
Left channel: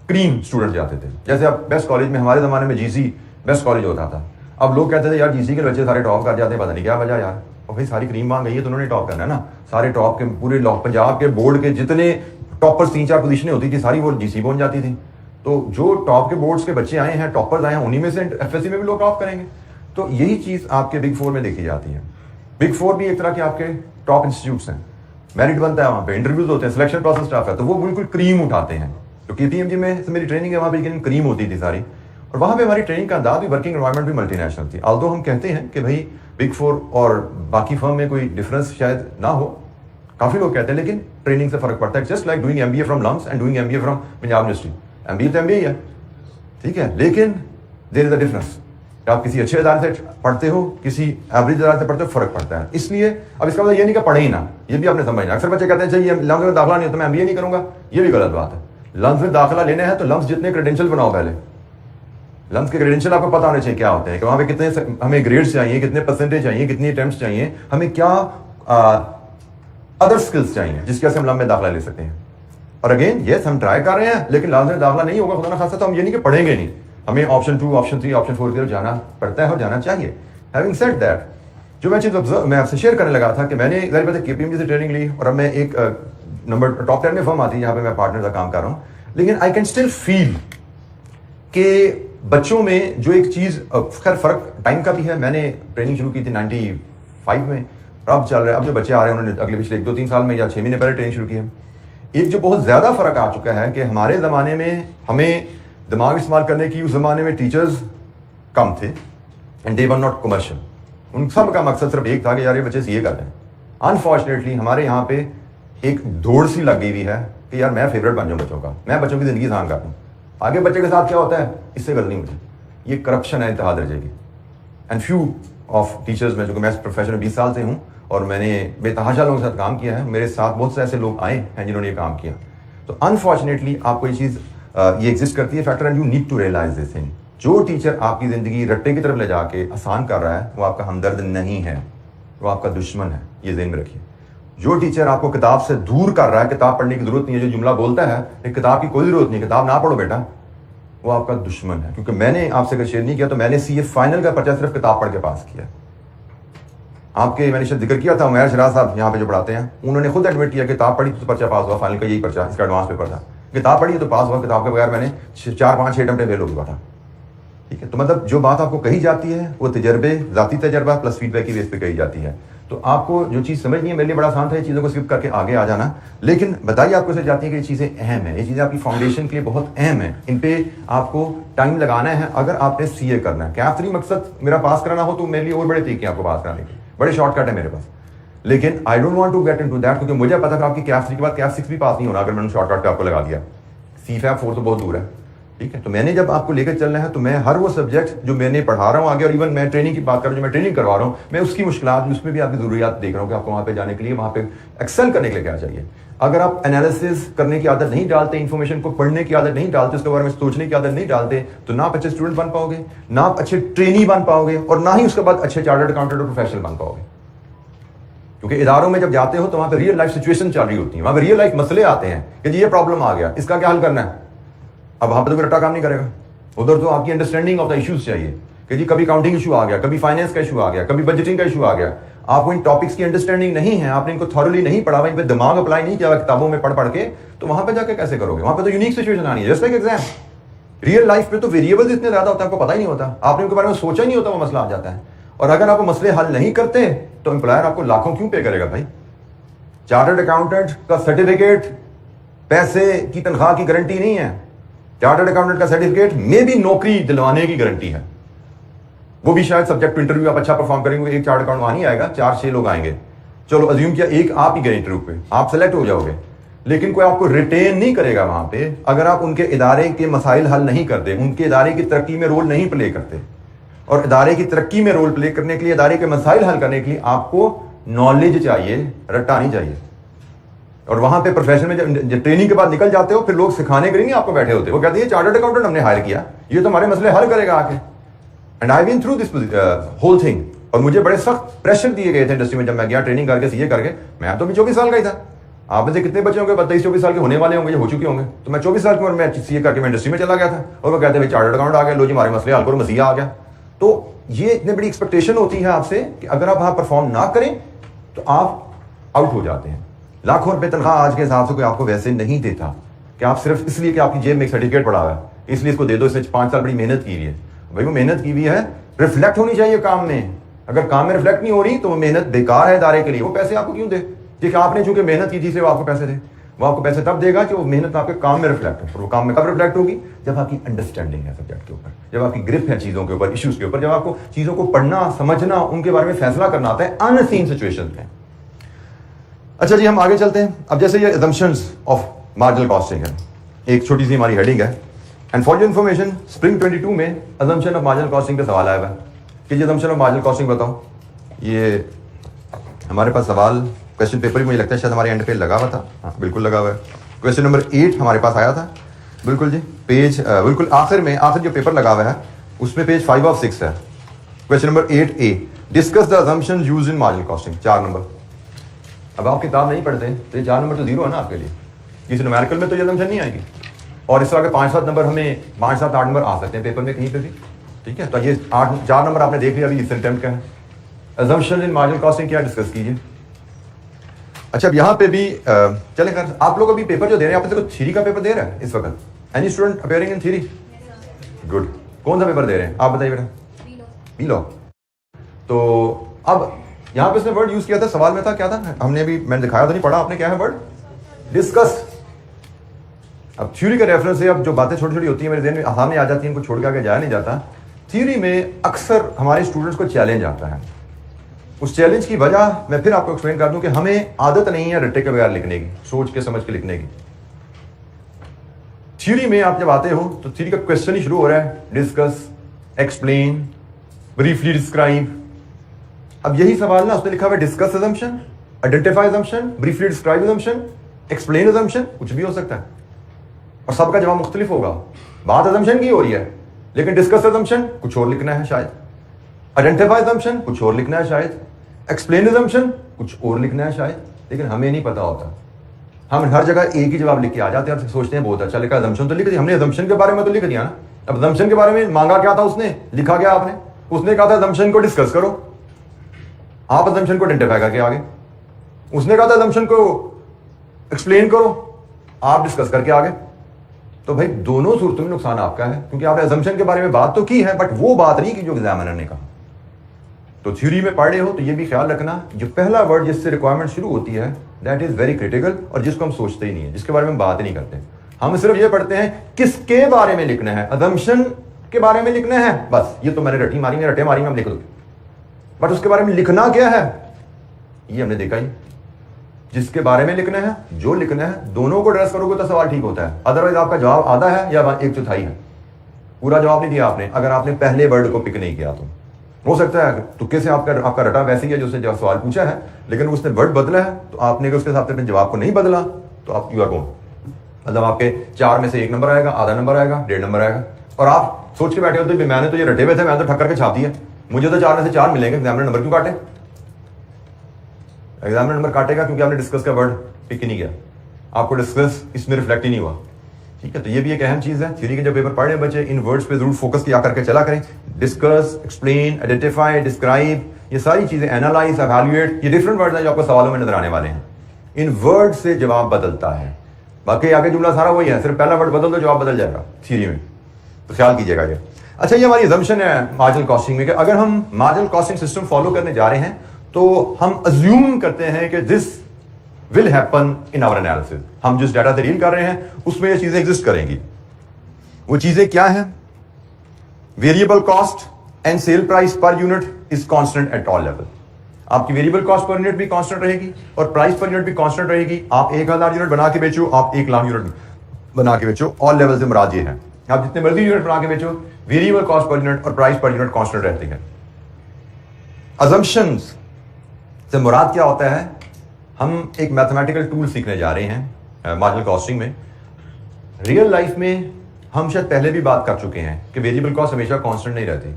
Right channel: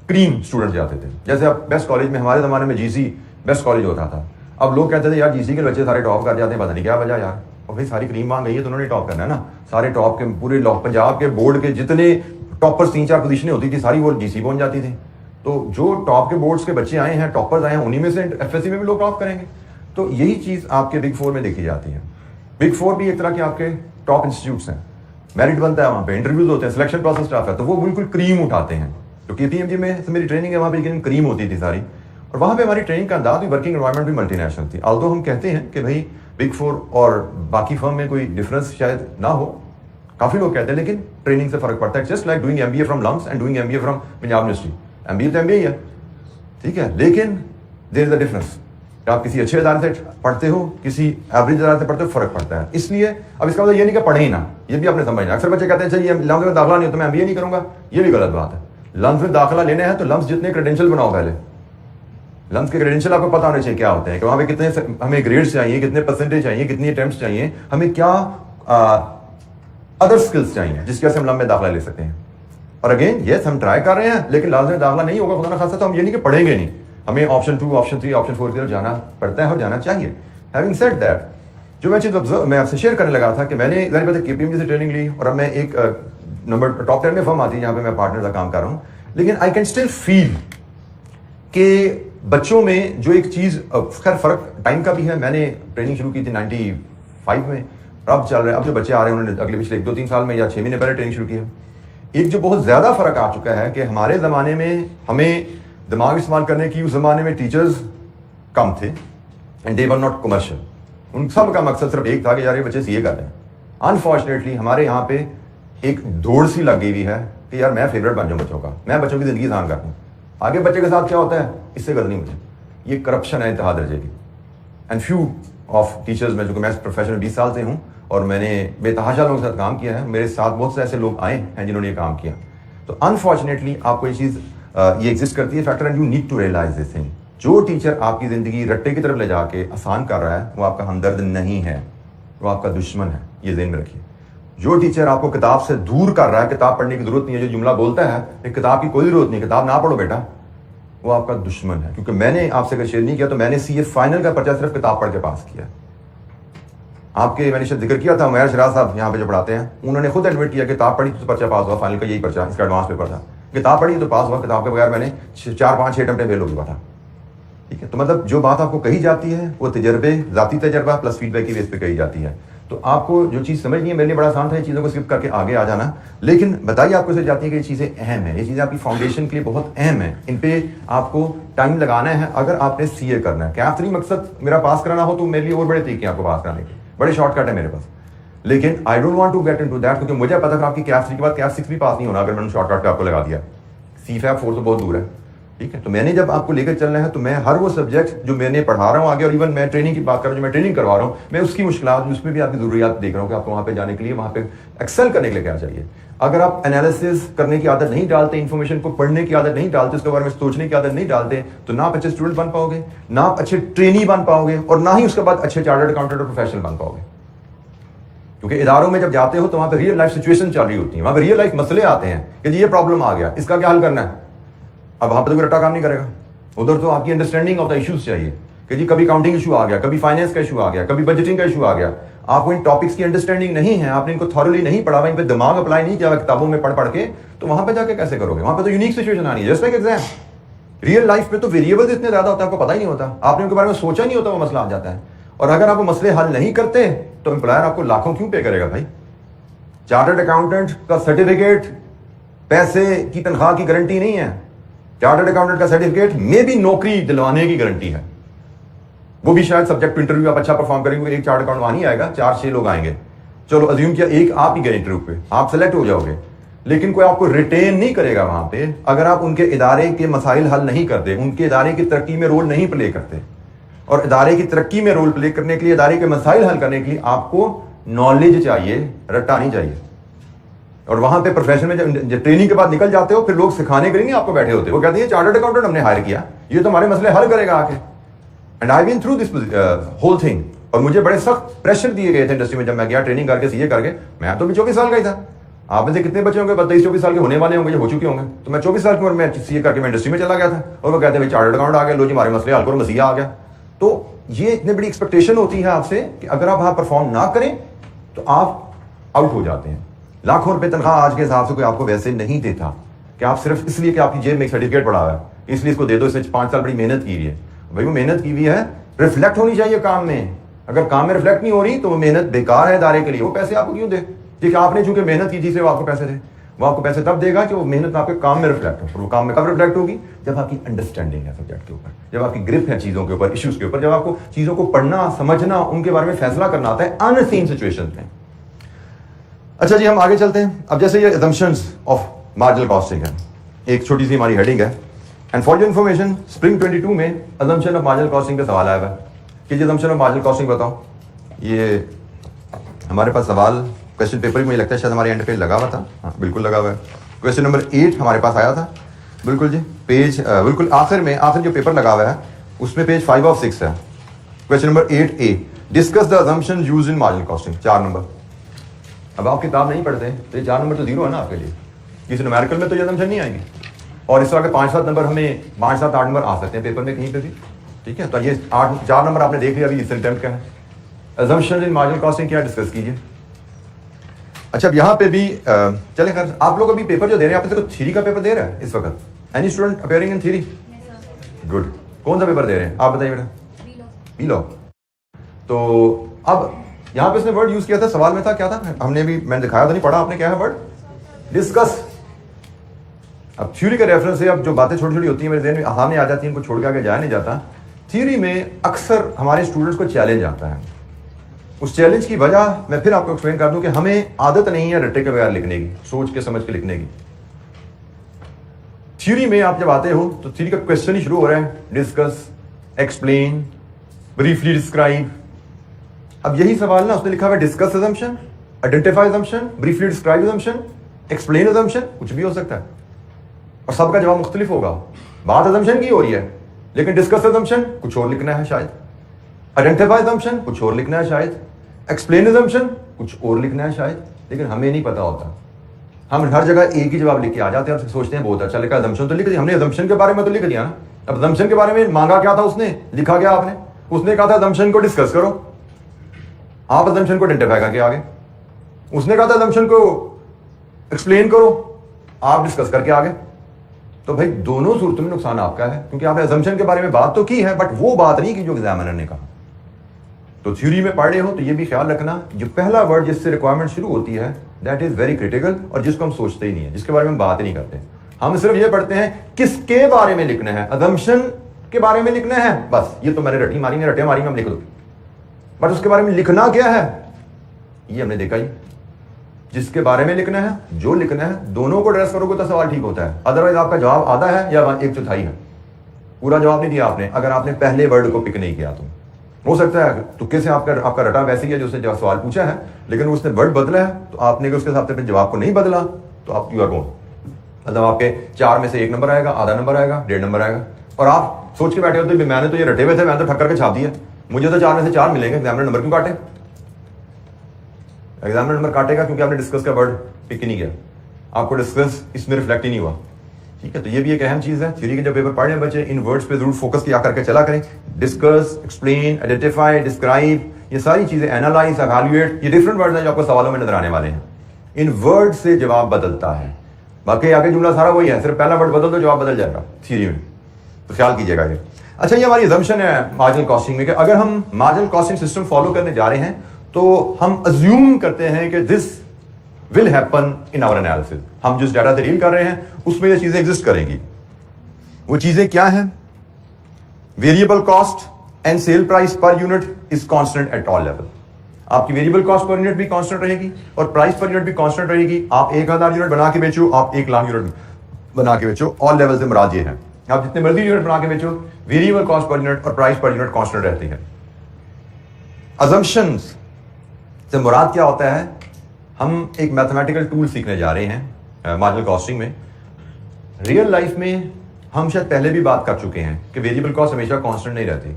क्रीम स्टूडेंट जाते थे। जैसे अब बेस्ट कॉलेज में हमारे जमाने में जीसी बेस्ट कॉलेज होता था, अब लोग कहते थे यार जीसी के बच्चे सारे टॉप कर जाते हैं, पता नहीं क्या वजह यार। और भाई सारी क्रीम मांग गई है तो उन्होंने टॉप करना है ना, सारे टॉप के पूरे पंजाब के बोर्ड के जितने टॉपर्स 3-4 पोजीशनें होती थी सारी वो जीसी पहुंच जाती थी। तो जो टॉप के बोर्ड्स के बच्चे आए हैं, टॉपर्स आए हैं, उन्हीं में से एफएससी में भी लोग टॉप करेंगे। तो यही चीज आपके बिग 4 में देखी जाती है। बिग 4 भी एक तरह के आपके टॉप इंस्टीट्यूट्स हैं, मेरिट बनता है, वहां पे इंटरव्यूज होते हैं, सिलेक्शन प्रोसेस स्टाफ है, तो वो बिल्कुल क्रीम उठाते हैं। तो केपीएमजी में मेरी ट्रेनिंग है, वहां पे क्रीम होती थी सारी, और वहाँ पे हमारी ट्रेनिंग का अंदाज भी, वर्किंग एनवायरनमेंट भी मल्टीनेशनल थी। ऑल्दो हम कहते हैं कि भाई बिग 4 और बाकी फर्म में कोई डिफरेंस शायद ना हो, काफ़ी लोग कहते हैं, लेकिन ट्रेनिंग से फ़र्क पड़ता है। Just like doing MBA from LUMS and doing MBA from Punjab University. MBA तो MBA ही है, ठीक है, लेकिन देयर इज अ डिफरेंस। आप किसी अच्छे इदारे से पढ़ते हो, किसी एवरेज इदारे से पढ़ते हो, फर्क पड़ता है। इसलिए अब इसका मतलब ये नहीं कि पढ़े ही ना, ये भी आपने समझना। अक्सर बच्चे कहते हैं चाहिए लम्स में दाखिला नहीं हो तो मैं MBA नहीं करूंगा, ये भी गलत बात है। लम्स में दाखिला लेना है तो लम्स जितने क्रेडेंशियल बनाओ पहले। लम्स के क्रेडेंशियल आपको पता होने चाहिए क्या होते हैं, कि वहाँ पे कितने हमें ग्रेड्स चाहिए, कितने परसेंटेज चाहिए, कितनी अटेम्प्ट्स चाहिए, हमें क्या अदर स्किल्स चाहिए जिसकी वजह से हम लम्स में दाखिला ले सकते हैं। और अगेन यस हम ट्राई कर रहे हैं, लेकिन लम्स में दाखिला नहीं होगा खुदा ना खासा तो हम ये नहीं कि पढ़ेंगे नहीं, हमें ऑप्शन 2, ऑप्शन 3, ऑप्शन 4 की तरफ जाना पड़ता है और जाना चाहिए। हैविंग सेड दैट, जो मैं चीज़ मैं आपसे शेयर करने लगा था कि मैंने ज़ाहिर बात है KPMG से ट्रेनिंग ली, और अब मैं एक नंबर टॉप 10 में फर्म आती है जहाँ पे मैं पार्टनर का काम कर रहा हूँ, लेकिन आई कैन स्टिल फील कि बच्चों में जो एक चीज़, खैर फ़र्क टाइम का भी है। मैंने ट्रेनिंग शुरू की थी 95 में, और अब चल रहा है, अब जो बच्चे आ रहे हैं उन्होंने अगले पिछले 1-2-3 साल में या 6 महीने पहले ट्रेनिंग शुरू की है। एक जो बहुत ज़्यादा फ़र्क आ चुका है कि हमारे ज़माने में हमें दिमाग इस्तेमाल करने की, उस ज़माने में टीचर्स कम थे and they were not commercial. उन सब का मकसद सिर्फ एक था कि यार ये बच्चे सीए कर रहे हैं। अनफॉर्चुनेटली हमारे यहाँ पे एक दौड़ सी लग गई हुई है कि यार मैं फेवरेट बन जाऊँ बच्चों का, मैं बच्चों की ज़िंदगी आसान कर दूँ। आगे बच्चे के साथ क्या होता है इससे करनी मुझे, ये करप्शन है इंतहा दर्जे की। एंड फ्यू ऑफ टीचर्स में, जो कि मैं प्रोफेशन में 20 साल से हूँ और मैंने बेतहाशा लोगों के साथ काम किया है, मेरे साथ बहुत से ऐसे लोग आए हैं जिन्होंने ये काम किया। तो अनफॉर्चुनेटली आपको ये चीज़ ये एग्जिस्ट करती है factor, and you need to realize this thing. जो टीचर आपकी ज़िंदगी रट्टे की तरफ ले जाके आसान कर रहा है वो आपका हमदर्द नहीं है, वो आपका दुश्मन है, ये ज़हन में रखिए। जो टीचर आपको किताब से दूर कर रहा है, किताब पढ़ने की जरूरत नहीं है, जो जुमला बोलता है कि किताब की कोई जरूरत नहीं, किताब ना पढ़ो बेटा, वो आपका दुश्मन है। क्योंकि मैंने आपसे अगर शेयर नहीं किया तो मैंने CA फाइनल का पर्चा सिर्फ किताब पढ़ के पास किया। आपके मैंने शायद जिक्र किया था, उमैर शराज साहब यहाँ पे जो पढ़ाते हैं, उन्होंने खुद एडमिट किया किताब पढ़ी तो पर्चा पास हुआ, फाइनल का यही पर्चा, इसका एडवांस पेपर था। किताब पढ़ी तो पास हुआ, किताब के बगैर मैंने 4-5-6 अटेम्प्ट फेल हो गया था। ठीक है, तो मतलब जो बात आपको कही जाती है वो तजर्बे, ज़ाती तजर्बा प्लस फीडबैक की बेस पे कही जाती है। तो आपको जो चीज़ समझनी है, मेरे लिए बड़ा आसान था ये चीज़ों को स्किप करके आगे आ जाना, लेकिन बताइए आपको से जाती है कि ये चीज़ें अहम है, ये चीज़ें आपकी फाउंडेशन के लिए बहुत अहम है, इन पे आपको टाइम लगाना है अगर आपने CA करना है। कैप 3 मकसद मेरा पास कराना हो तो मेरे लिए और बड़े तरीके हैं आपको पास कराने के, बड़े शॉर्टकट है मेरे पास, लेकिन I don't want to get into that, क्योंकि मुझे पता था आपकी कैप 3 के बाद कैप 6 भी पास नहीं होना अगर मैंने शॉर्टकट पे आपको लगा दिया। CFAP 4 तो बहुत दूर है। ठीक है, तो मैंने जब आपको लेकर चलना है तो मैं हर वो सब्जेक्ट जो मैंने पढ़ा रहा हूँ आगे, और इवन मैं ट्रेनिंग की बात कर रहा हूँ, जो मैं ट्रेनिंग करवा रहा हूँ, मैं उसकी मुश्किलात, उसमें भी आपकी ज़रूरियात देख रहा हूँ कि आपको वहाँ पे जाने के लिए, वहाँ पे एक्सेल करने के लिए क्या चाहिए। अगर आप एनालिसिस करने की आदत नहीं डालते, इन्फॉर्मेशन को पढ़ने की आदत नहीं डालते, उसके बारे में सोचने की आदत नहीं डालते, तो ना आप अच्छे स्टूडेंट बन पाओगे, ना आप अच्छे ट्रेनी बन पाओगे, और ना ही उसके बाद अच्छे चार्टर्ड अकाउंटेंट और प्रोफेशनल बन पाओगे। क्योंकि इदारों में जब जाते हो तो वहाँ पे रियल लाइफ सिचुएशन चल रही होती है, वहाँ पे रियल लाइफ मसले आते हैं कि जी ये प्रॉब्लम आ गया, इसका क्या हल करना है। अब वहाँ पर तो कोई रट्टा काम नहीं करेगा, उधर तो आपकी अंडरस्टैंडिंग ऑफ द इश्यूज चाहिए कि जी कभी काउंटिंग इशू आ गया, कभी फाइनेंस का इशू आ गया, कभी बजटिंग का इशू आ गया। आपको इन टॉपिक्स की अंडरस्टैंडिंग नहीं है, आपने इनको थॉरली नहीं पढ़ा, इन पे दिमाग अप्लाई नहीं किया किताबों में पढ़ के, तो वहां पे जाके कैसे करोगे। वहां पे तो यूनिक सिचुएशन आनी है, just like exam. Real life में तो वेरिएबल्स इतने ज्यादा होते हैं, आपको पता ही नहीं होता, आपने उनके बारे में सोचा ही नहीं होता, वो मसला आ जाता है। और अगर आप वो मसले हल नहीं करते तो एम्प्लॉयर आपको लाखों क्यों पे करेगा भाई। चार्टर्ड अकाउंटेंट का सर्टिफिकेट पैसे की तनख्वाह की गारंटी नहीं है, चार्टर्ड अकाउंटेंट का सर्टिफिकेट में भी नौकरी दिलवाने की गारंटी है। वो भी शायद सब्जेक्ट टू इंटरव्यू आप अच्छा परफॉर्म करेंगे, एक चार्टर्ड अकाउंट वहां नहीं आएगा, 4-6 लोग आएंगे, चलो अज्यूम किया एक आप ही गए इंटरव्यू पे, आप सेलेक्ट हो जाओगे, लेकिन कोई आपको रिटेन नहीं करेगा वहां पे अगर आप उनके इदारे के मसाइल हल नहीं करते, उनके इदारे की तरक्की में रोल नहीं प्ले करते। और इदारे की तरक्की में रोल प्ले करने के लिए, इदारे के मसाइल हल करने के लिए आपको नॉलेज चाहिए, रट्टा नहीं चाहिए। और वहां पे प्रोफेशन में जब ट्रेनिंग के बाद निकल जाते हो, फिर लोग सिखाने के लिए नहीं आपको बैठे होते, वो कहते हैं चार्टर्ड अकाउंटेंट हमने हायर किया, ये तो हमारे मसले हल करेगा आके। And I been through this whole thing, और मुझे बड़े सख्त प्रेशर दिए गए थे इंडस्ट्री में जब मैं गया ट्रेनिंग करके, CA करके। मैं तो भी 24 साल का ही था। आप में से कितने बच्चे होंगे 23-24 साल के होने वाले होंगे, हो चुके होंगे। तो मैं 24 साल की उम्र में CA करके मैं इंडस्ट्री में चला गया था, और वो कहते हैं भाई चार्टर्ड अकाउंट आ गया, लो जी हमारे मसले हल करो, मसीहा आ गया। तो ये इतनी बड़ी एक्सपेक्टेशन होती है आपसे कि अगर आप वहां परफॉर्म ना करें तो आप आउट हो जाते हैं। लाखों रुपए तनख्वाह आज के हिसाब से कोई आपको वैसे नहीं देता कि आप सिर्फ इसलिए कि आपकी जेब में एक सर्टिफिकेट पड़ा हुआ है इसलिए इसको दे दो, इसने 5 साल बड़ी मेहनत की है। भाई वो मेहनत की हुई है, रिफ्लेक्ट होनी चाहिए काम में। अगर काम में रिफ्लेक्ट नहीं हो रही तो वो मेहनत बेकार है इदारे के लिए, वो पैसे आपको क्यों दे, कि आपने चूंकि मेहनत की थी इसलिए वो आपको पैसे दे। वो आपको पैसे तब देगा कि वो मेहनत आपके काम में रिफ्लेक्ट हो। और वो काम में कब रिफ्लेक्ट होगी? जब आपकी अंडरस्टैंडिंग है सब्जेक्ट के ऊपर, जब आपकी ग्रिप है चीज़ों के ऊपर, इश्यूज के ऊपर, जब आपको चीज़ों को पढ़ना, समझना, उनके बारे में फैसला करना आता है अनसीन सिचुएशन में। अच्छा जी, हम आगे चलते हैं। अब जैसे ये assumptions ऑफ मार्जिनल कॉस्टिंग है, एक छोटी सी हमारी हेडिंग है, and for your information spring 22 में assumption ऑफ मार्जिनल कॉस्टिंग का सवाल आया हुआ है कि ये assumption ऑफ मार्जिनल कॉस्टिंग बताओ। ये हमारे पास सवाल क्वेश्चन पेपर भी मुझे लगता है शायद हमारे एंड पे लगा हुआ था। हाँ बिल्कुल लगा हुआ है। क्वेश्चन नंबर 8 हमारे पास आया था, बिल्कुल जी, पेज बिल्कुल आखिर में, आखिर जो पेपर लगा हुआ है उसमें पेज 5 of 6 है। Question number 8A, discuss the assumptions used in marginal costing, 4 number. अब आप किताब नहीं पढ़ते तो ये 4 नंबर तो जीरो है ना आपके लिए, किसी न्यूमेरिकल में तो ये assumption नहीं आएगी। और इस तरह के 5-7 नंबर, हमें 5-7-8 नंबर आ सकते हैं पेपर में कहीं पे भी, ठीक है। तो ये 4 नंबर आपने देख लिया अभी इस अटेम्प्ट का है। assumptions इन मार्जिनल कॉस्टिंग क्या डिस्कस कीजिए। अच्छा, अब यहाँ पे भी चले कर, आप लोग अभी पेपर जो दे रहे हैं, आप देखो थ्योरी का पेपर दे रहे हैं इस वक्त। Any student appearing in theory? Good. कौन सा पेपर दे रहे हैं आप बताइए बेटा? B law. तो अब यहाँ पे इसने वर्ड यूज किया था, सवाल में था क्या था, हमने भी, मैंने दिखाया था, नहीं पढ़ा आपने, क्या है वर्ड? डिस्कस। अब थ्योरी का रेफरेंस है, अब जो बातें छोटी छोटी होती है मेरे ज़हन में सामने आ जाती है, इनको छोड़ के आगे जाया नहीं जाता। थ्योरी में अक्सर हमारे स्टूडेंट्स को चैलेंज आता है। उस चैलेंज की वजह मैं फिर आपको एक्सप्लेन कर दूं कि हमें आदत नहीं है रट्टे के बगैर लिखने की, सोच के समझ के लिखने की। थ्योरी में आप जब आते हो तो थ्योरी का क्वेश्चन ही शुरू हो रहा है, डिस्कस, एक्सप्लेन, ब्रीफली डिस्क्राइब। अब यही सवाल ना, उसने लिखा हुआ discuss assumption, identify assumption, briefly describe assumption, explain assumption, कुछ भी हो सकता है और सबका जवाब मुख्तलिफ होगा। बात assumption की हो रही है, लेकिन डिस्कस assumption कुछ और लिखना है शायद, आइडेंटिफाई assumption कुछ और लिखना है शायद, एक्सप्लेन assumption कुछ और लिखना है शायद, लेकिन हमें नहीं पता होता। हम हर जगह एक ही जवाब लिख के आ जाते हैं और सोचते हैं बहुत अच्छा लिखा, assumption तो लिख दिया हमने, assumption के बारे में तो लिख दिया ना। अब assumption के बारे में मांगा क्या था उसने, लिखा क्या आपने? उसने कहा था assumption को डिस्कस करो, आप assumption को आइडेंटिफाई करके आगे। उसने कहा था assumption को एक्सप्लेन करो, आप डिस्कस करके आगे। तो भाई दोनों सूरतों में नुकसान आपका है, क्योंकि आपने assumption के बारे में बात तो की है, बट वो बात नहीं की जो एग्जामिनर ने कहा। तो थ्योरी में पढ़े हो तो ये भी ख्याल रखना, जो पहला वर्ड जिससे रिक्वायरमेंट शुरू होती है दैट इज वेरी क्रिटिकल, और जिसको हम सोचते ही नहीं है, जिसके बारे में बात ही नहीं करते। हम सिर्फ ये पढ़ते हैं किसके बारे में लिखना है, assumption के बारे में लिखना है, बस ये तो मैंने रट्टी मारी में, रटे मारी में हम लिख दो, बट उसके बारे में लिखना क्या है ये हमने देखा ही। जिसके बारे में लिखना है, जो लिखना है, दोनों को एड्रेस करोगे तो सवाल ठीक होता है। अदरवाइज आपका जवाब आधा है या 1/4 है, पूरा जवाब नहीं दिया आपने अगर आपने पहले वर्ड को पिक नहीं किया। तो हो सकता है तुक्के से आपका रटा वैसे ही है जो उसने जब सवाल पूछा है, लेकिन उसने वर्ड बदला है तो आपने उसके हिसाब से अपने जवाब को नहीं बदला तो आप यू आर गोइंग, मतलब आपके 4 में से 1 नंबर आएगा, आधा नंबर आएगा, 1.5 नंबर आएगा। और आप सोच के बैठे हो तो मैंने तो ये रटे हुए थे, मैंने तो ठक्कर के छाप दिए, मुझे तो 4 में से 4 मिलेंगे, एग्जामिनर नंबर क्यों काटे? एग्जामिनर नंबर काटेगा क्योंकि आपने डिस्कस का वर्ड पिक ही नहीं किया, आपको डिस्कस इसमें रिफ्लेक्ट ही नहीं हुआ, ठीक है। तो ये भी एक अहम चीज है। थ्योरी के जब पेपर पढ़ रहे हैं बच्चे, इन वर्ड्स पे जरूर फोकस किया करके चला करें। डिस्कस, एक्सप्लेन, आइडेंटिफाई, डिस्क्राइब, ये सारी चीजें, एनालाइज, एवैल्यूएट, ये डिफरेंट वर्ड्स हैं जो आपको सवालों में नजर आने वाले हैं। इन वर्ड से जवाब बदलता है, बाकी आगे जुमला सारा वही है, सिर्फ पहला वर्ड बदल दो जवाब बदल जाएगा थ्योरी में, तो ख्याल कीजिएगा ये। अच्छा, ये हमारी assumption है मार्जिनल कॉस्टिंग में कि अगर हम मार्जिनल कॉस्टिंग सिस्टम फॉलो करने जा रहे हैं तो हम अज्यूम करते हैं कि this will happen in our analysis. हम जिस डाटा से डील कर रहे हैं उसमें ये चीजें एग्जिस्ट करेंगी। वो चीजें क्या हैं? Variable cost and sale price per unit is constant at all level. आपकी वेरिएबल कॉस्ट पर यूनिट भी कांस्टेंट रहेगी और प्राइस पर यूनिट भी कांस्टेंट रहेगी। आप 1000 यूनिट बना के बेचो, आप 1 लाख यूनिट बना के बेचो, ऑल लेवल से मुराद ये है, आप जितने मर्जी यूनिट बना के बेचो, वेरिएबल कॉस्ट पर यूनिट और प्राइस पर यूनिट कांस्टेंट रहती है। assumptions से मुराद क्या होता है? हम एक मैथमेटिकल टूल सीखने जा रहे हैं मार्जिनल कॉस्टिंग में। रियल लाइफ में हम शायद पहले भी बात कर चुके हैं कि वेरिएबल कॉस्ट हमेशा कांस्टेंट नहीं रहती।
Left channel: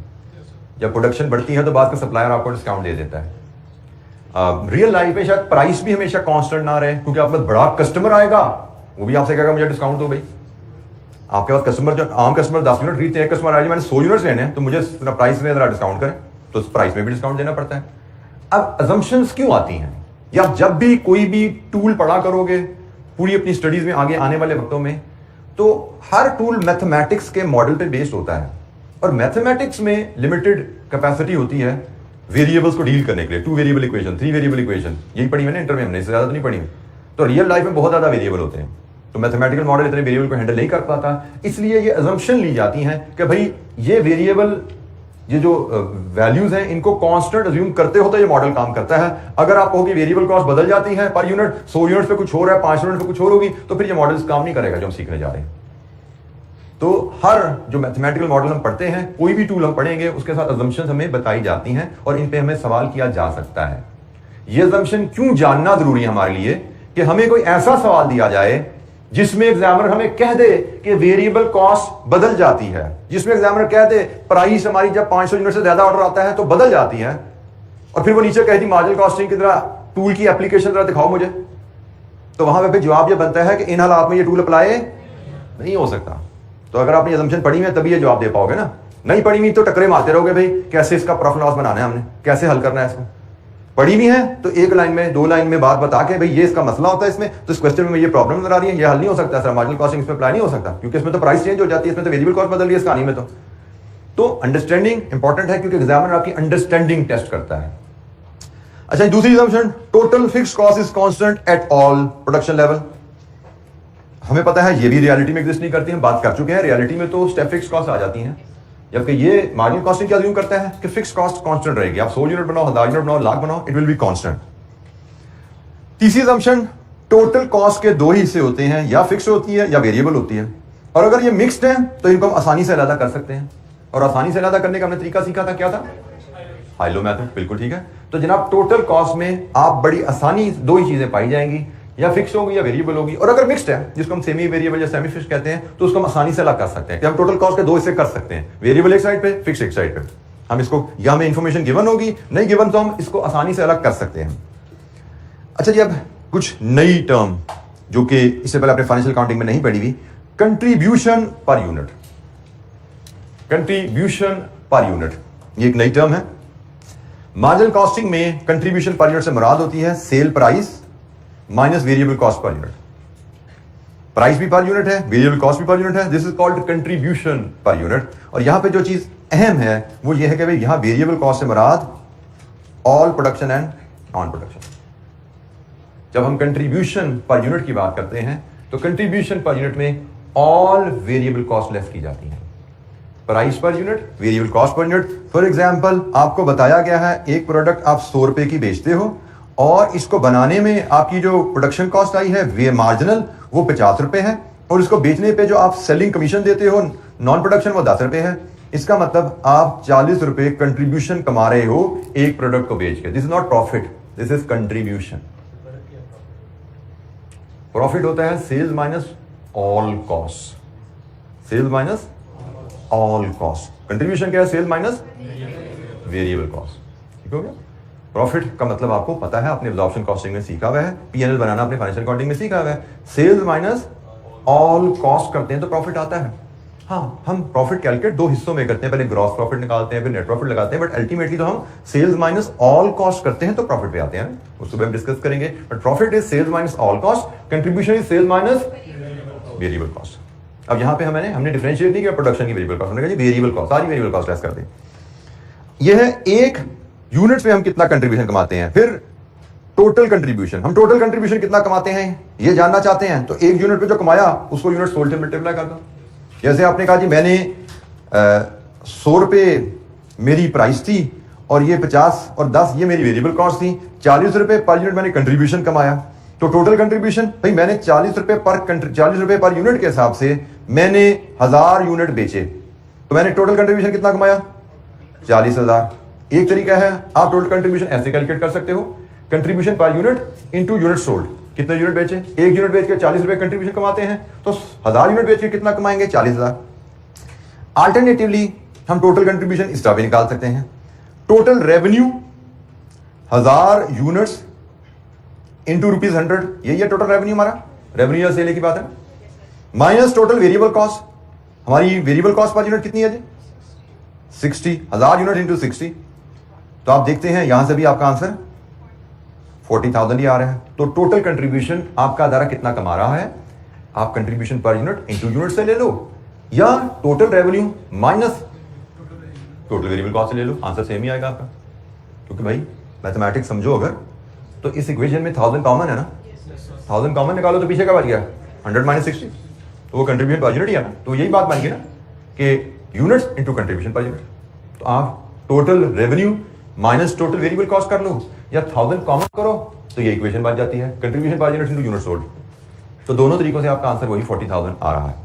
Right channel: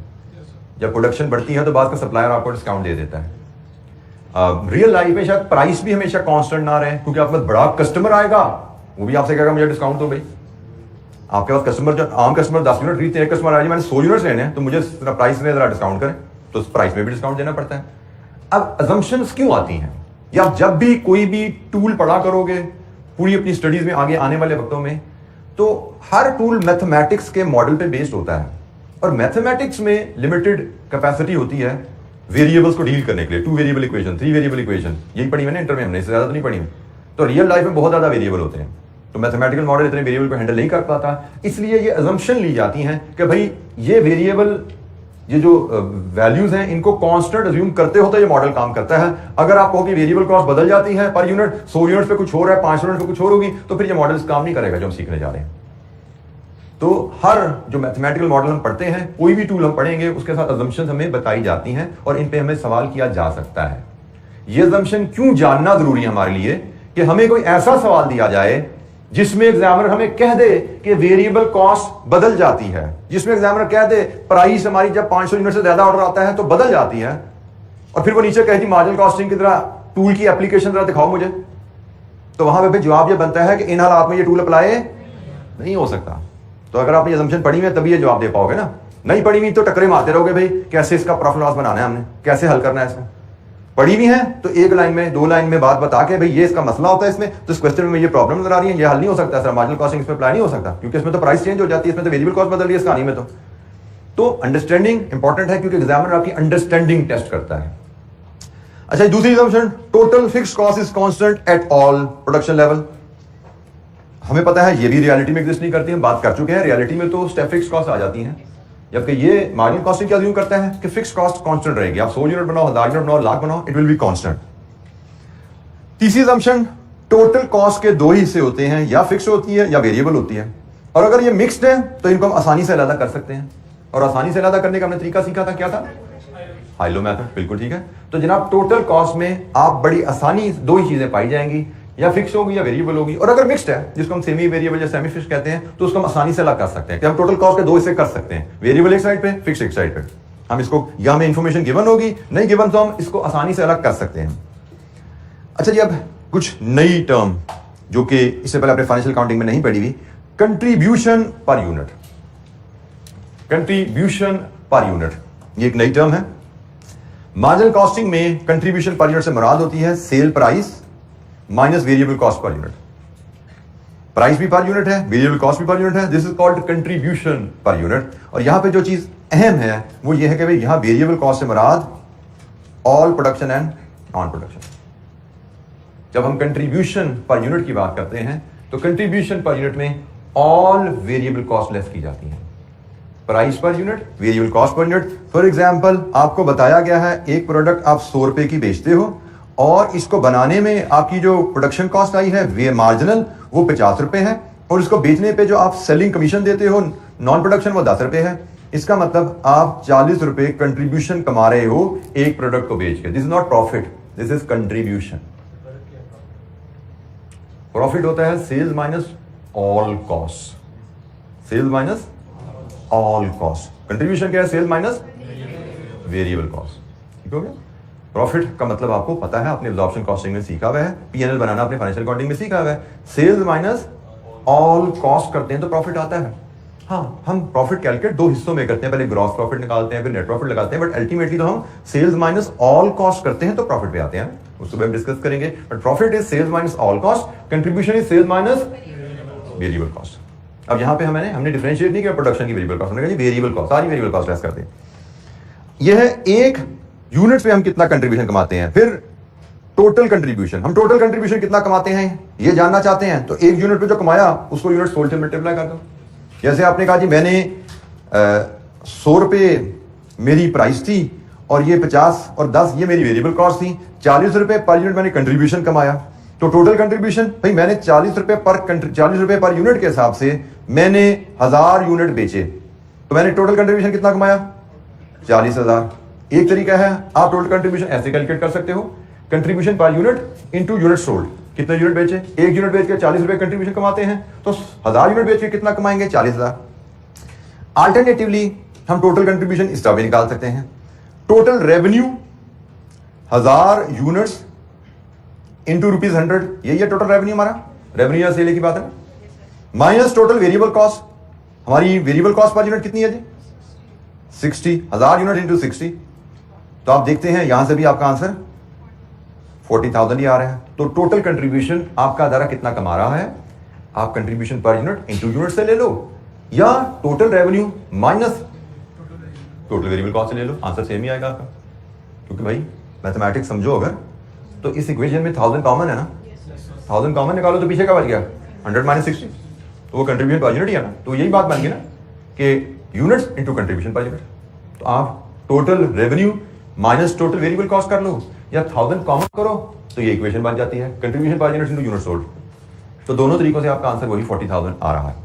जब प्रोडक्शन बढ़ती है तो बाद का सप्लायर आपको डिस्काउंट दे देता है। रियल लाइफ में शायद प्राइस भी हमेशा कांस्टेंट ना रहे, क्योंकि आपके पास बड़ा कस्टमर आएगा, वो भी आपसे कहेगा मुझे डिस्काउंट दो भाई। आपके पास कस्टमर, जो आम कस्टमर 10 यूनिट खरीदते हैं, एक कस्टमर आए मैंने 100 यूनिट्स लेने हैं तो मुझे प्राइस में जरा डिस्काउंट करें, तो उस प्राइस में भी डिस्काउंट देना पड़ता है। अब assumptions क्यों आती हैं? या जब भी कोई भी टूल पढ़ा करोगे पूरी अपनी स्टडीज में आगे आने वाले वक्तों में, तो हर टूल मैथमेटिक्स के मॉडल पे बेस्ड होता है और मैथमेटिक्स में लिमिटेड कैपेसिटी होती है वेरिएबल्स को डील करने के लिए। 2 वेरिएबल इक्वेशन, 3 वेरिएबल इक्वेशन, यही पढ़ी मैंने इंटर में, हमने इससे ज्यादा तो नहीं पढ़ी। तो रियल लाइफ में बहुत ज़्यादा वेरिएबल होते हैं, तो मैथमेटिकल मॉडल इतने वेरिएबल को हैंडल नहीं कर पाता, इसलिए ये अजम्पशन ली जाती हैं कि भाई ये वेरिएबल, ये जो वैल्यूज हैं इनको कांस्टेंट अज्यूम करते हो तो ये मॉडल काम करता है। अगर आप कहो कि वेरिएबल कॉस्ट बदल जाती है पर यूनिट, 100 यूनिट पे कुछ हो रहा है, 5 यूनिट पे कुछ और होगी, तो फिर ये मॉडल काम नहीं करेगा जो हम सीखने जा रहे हैं। तो हर जो मैथमेटिकल मॉडल हम पढ़ते हैं, कोई भी टूल हम पढ़ेंगे, उसके साथ अजम्पशंस हमें बताई जाती हैं और इन पे हमें सवाल किया जा सकता है। ये अजम्पशन क्यों जानना जरूरी है हमारे लिए कि हमें कोई ऐसा सवाल दिया जाए जिसमें एग्जामिनर हमें कह दे कि वेरिएबल कॉस्ट बदल जाती है, जिसमें एग्जामिनर कह दे प्राइस हमारी जब 500 यूनिट से ज्यादा ऑर्डर आता है तो बदल जाती है, और फिर वो नीचे कह दी मार्जिनल कॉस्टिंग की तरह टूल की एप्लीकेशन जरा दिखाओ मुझे, तो वहां पे जवाब ये बनता है कि इन हालात में ये टूल अप्लाई नहीं हो सकता। तो अगर आपने अजम्पशन पढ़ी हुई है तभी ये जवाब दे पाओगे ना, नहीं पढ़ी हुई तो टकरे मारते रहोगे भाई कैसे इसका प्रॉफिट लॉस बनाना है, हमने कैसे हल करना है इसको। पढ़ी भी है तो एक लाइन में 2 लाइन में बात बता के भाई ये इसका मसला होता है इसमें, तो इस क्वेश्चन में ये प्रॉब्लम नजर आ रही है, ये हल नहीं हो सकता सर, मार्जिनल कॉस्टिंग इसमें अप्लाई नहीं हो सकता क्योंकि इसमें तो प्राइस चेंज हो जाती है, इसमें तो वेरिएबल कॉस्ट बदल रही है इस कहानी में। तो अंडरस्टैंडिंग इंपॉर्टेंट है क्योंकि एग्जामिनर आपकी अंडरस्टैंडिंग टेस्ट करता है। अच्छा, दूसरी assumption, total fixed cost is constant at all production level. हमें पता है ये भी रियलिटी में एग्जिस्ट नहीं करती, हम बात कर चुके हैं, रियलिटी में तो स्टेप फिक्स कॉस्ट आ जाती हैं, जबकि ये मार्जिनल कॉस्टिंग क्या अज्यूम करता है कि फिक्स कॉस्ट कांस्टेंट रहेगी, आप 100 यूनिट बनाओ, 1000 यूनिट बनाओ, लाख बनाओ, इट विल बी कांस्टेंट। तीसरी असम्पशन, टोटल कॉस्ट के 2 हिस्से होते हैं, या फिक्स होती है या वेरिएबल होती है, और अगर ये मिक्स्ड है तो इनको हम आसानी से अलग कर सकते हैं, और आसानी से अलग करने का हमने तरीका सीखा था, क्या था? हाइलो मेथड, बिल्कुल ठीक है। तो जनाब टोटल कॉस्ट में आप बड़ी आसानी 2 ही चीजें पाई जाएंगी, या फिक्स होगी या वेरिएबल होगी, और अगर मिक्स्ड है जिसको हम सेमी वेरिएबल या सेमी फिक्स कहते हैं तो उसको हम आसानी से अलग कर सकते हैं कि हम टोटल कॉस्ट के 2 हिस्से कर सकते हैं, वेरिएबल एक साइड पे, फिक्स एक साइड पे। हम इसको, या हमें इंफॉर्मेशन गिवन होगी, नहीं गिवन तो हम इसको आसानी से अलग कर सकते हैं। अच्छा जी, अब कुछ नई टर्म जो कि इससे पहले आपने फाइनेंशियल अकाउंटिंग में नहीं पढ़ी हुई, contribution per unit. Contribution per unit ये एक नई टर्म है। मार्जिनल कॉस्टिंग में कंट्रीब्यूशन पर यूनिट से मुराद होती है sale price minus variable cost per unit. Price भी पर यूनिट है, वेरिएबल कॉस्ट भी पर यूनिट है, this is called contribution per unit. और यहां पे जो चीज अहम है वो ये है कि भाई यहां वेरिएबल कॉस्ट से मुराद all production and non production. जब हम कंट्रीब्यूशन पर यूनिट की बात करते हैं तो कंट्रीब्यूशन पर यूनिट में ऑल वेरिएबल कॉस्ट लेस की जाती है, price per unit, variable cost per unit. For example आपको बताया गया है एक प्रोडक्ट आप 100 रुपए की बेचते हो और इसको बनाने में आपकी जो प्रोडक्शन कॉस्ट आई है वे मार्जिनल वो 50 रुपए है, और इसको बेचने पे जो आप सेलिंग कमीशन देते हो नॉन प्रोडक्शन वो 10 रुपए है। इसका मतलब आप 40 रुपए कंट्रीब्यूशन कमा रहे हो एक प्रोडक्ट को बेच के। This is not profit, this is contribution. Profit होता है sales minus all cost, sales minus all cost. Contribution क्या है? Sales minus variable cost. ठीक हो गया? प्रॉफिट का मतलब आपको पता है, अपने एब्जॉर्प्शन कॉस्टिंग में सीखा हुआ है, पीएनएल बनाना अपने फाइनेंशियल अकाउंटिंग में सीखा हुआ है। सेल्स माइनस ऑल कॉस्ट करते हैं तो प्रॉफिट आता है। हाँ, हम प्रॉफिट कैलकुलेट 2 हिस्सों में करते हैं, पहले ग्रॉस प्रॉफिट निकालते हैं फिर नेट प्रॉफिट लगाते हैं, बट अल्टीमेटली तो हम सेल्स माइनस ऑल कॉस्ट करते हैं तो प्रॉफिट पे आते हैं। उसको भी हम डिस्कस करेंगे, but profit is sales minus all cost, contribution is sales minus variable cost. अब यहां पे हमने डिफरेंशिएट नहीं किया प्रोडक्शन की वेरिएबल कॉस्ट, हमने कहा जी वेरिएबल कॉस्ट, सारी वेरिएबल कॉस्ट लेस कर दी। यह है एक यूनिट पे हम कितना कंट्रीब्यूशन कमाते हैं। फिर टोटल कंट्रीब्यूशन, हम टोटल कंट्रीब्यूशन कितना कमाते हैं ये जानना चाहते हैं, तो एक यूनिट पे जो कमाया उसको यूनिट सोल्ड से मल्टीप्लाई कर दो। जैसे आपने कहा जी मैंने 100 रुपए मेरी प्राइस थी और ये 50 और 10 ये मेरी वेरिएबल कॉस्ट थी, 40 रुपए पर यूनिट मैंने कंट्रीब्यूशन कमाया, तो टोटल कंट्रीब्यूशन भाई मैंने 40 रुपए पर यूनिट के हिसाब से मैंने 1000 यूनिट बेचे, तो मैंने टोटल कंट्रीब्यूशन कितना कमाया? 40,000। एक तरीका है, आप टोटल कंट्रीब्यूशन ऐसे कैलकुलेट कर सकते हो, contribution per unit into unit sold. कितने यूनिट बेचे? एक यूनिट बेच के 40 रुपए कंट्रीब्यूशन कमाते हैं, तो 1000 यूनिट बेच के कितना कमाएंगे? 40,000। अल्टरनेटिवली हम टोटल कंट्रीब्यूशन इस तरह भी निकाल सकते हैं, टोटल रेवेन्यू 1000 यूनिट्स इंटू ₹100, यही है टोटल रेवेन्यू हमारा, रेवेन्यू या सेल की बात है ना, माइनस टोटल वेरिएबल कॉस्ट। हमारी वेरिएबल कॉस्ट पर यूनिट कितनी है जी? 60, 1000 यूनिट इंटू 60, तो आप देखते हैं यहां से भी आपका आंसर 40,000 ही आ रहा है। तो टोटल कंट्रीब्यूशन आपका अदारा कितना कमा रहा है, आप contribution per unit into unit से ले लो, या total revenue minus total variable cost से ले लो, आंसर सेम ही आएगा आपका। क्योंकि भाई मैथमेटिक्स समझो अगर, तो इस इक्वेशन में 1000 कॉमन है ना, 1000 कॉमन निकालो तो पीछे का बच गया 100 माइनस 60, तो वो कंट्रीब्यूशन पर यूनिट ही है ना। तो यही बात बन गई ना कि units into contribution per unit. तो आप total revenue minus total variable cost कर लो या 1000 कॉमन करो तो ये इक्वेशन बन जाती है, contribution per unit into unit sold. तो दोनों तरीकों से आपका आंसर वही 40,000 आ रहा है।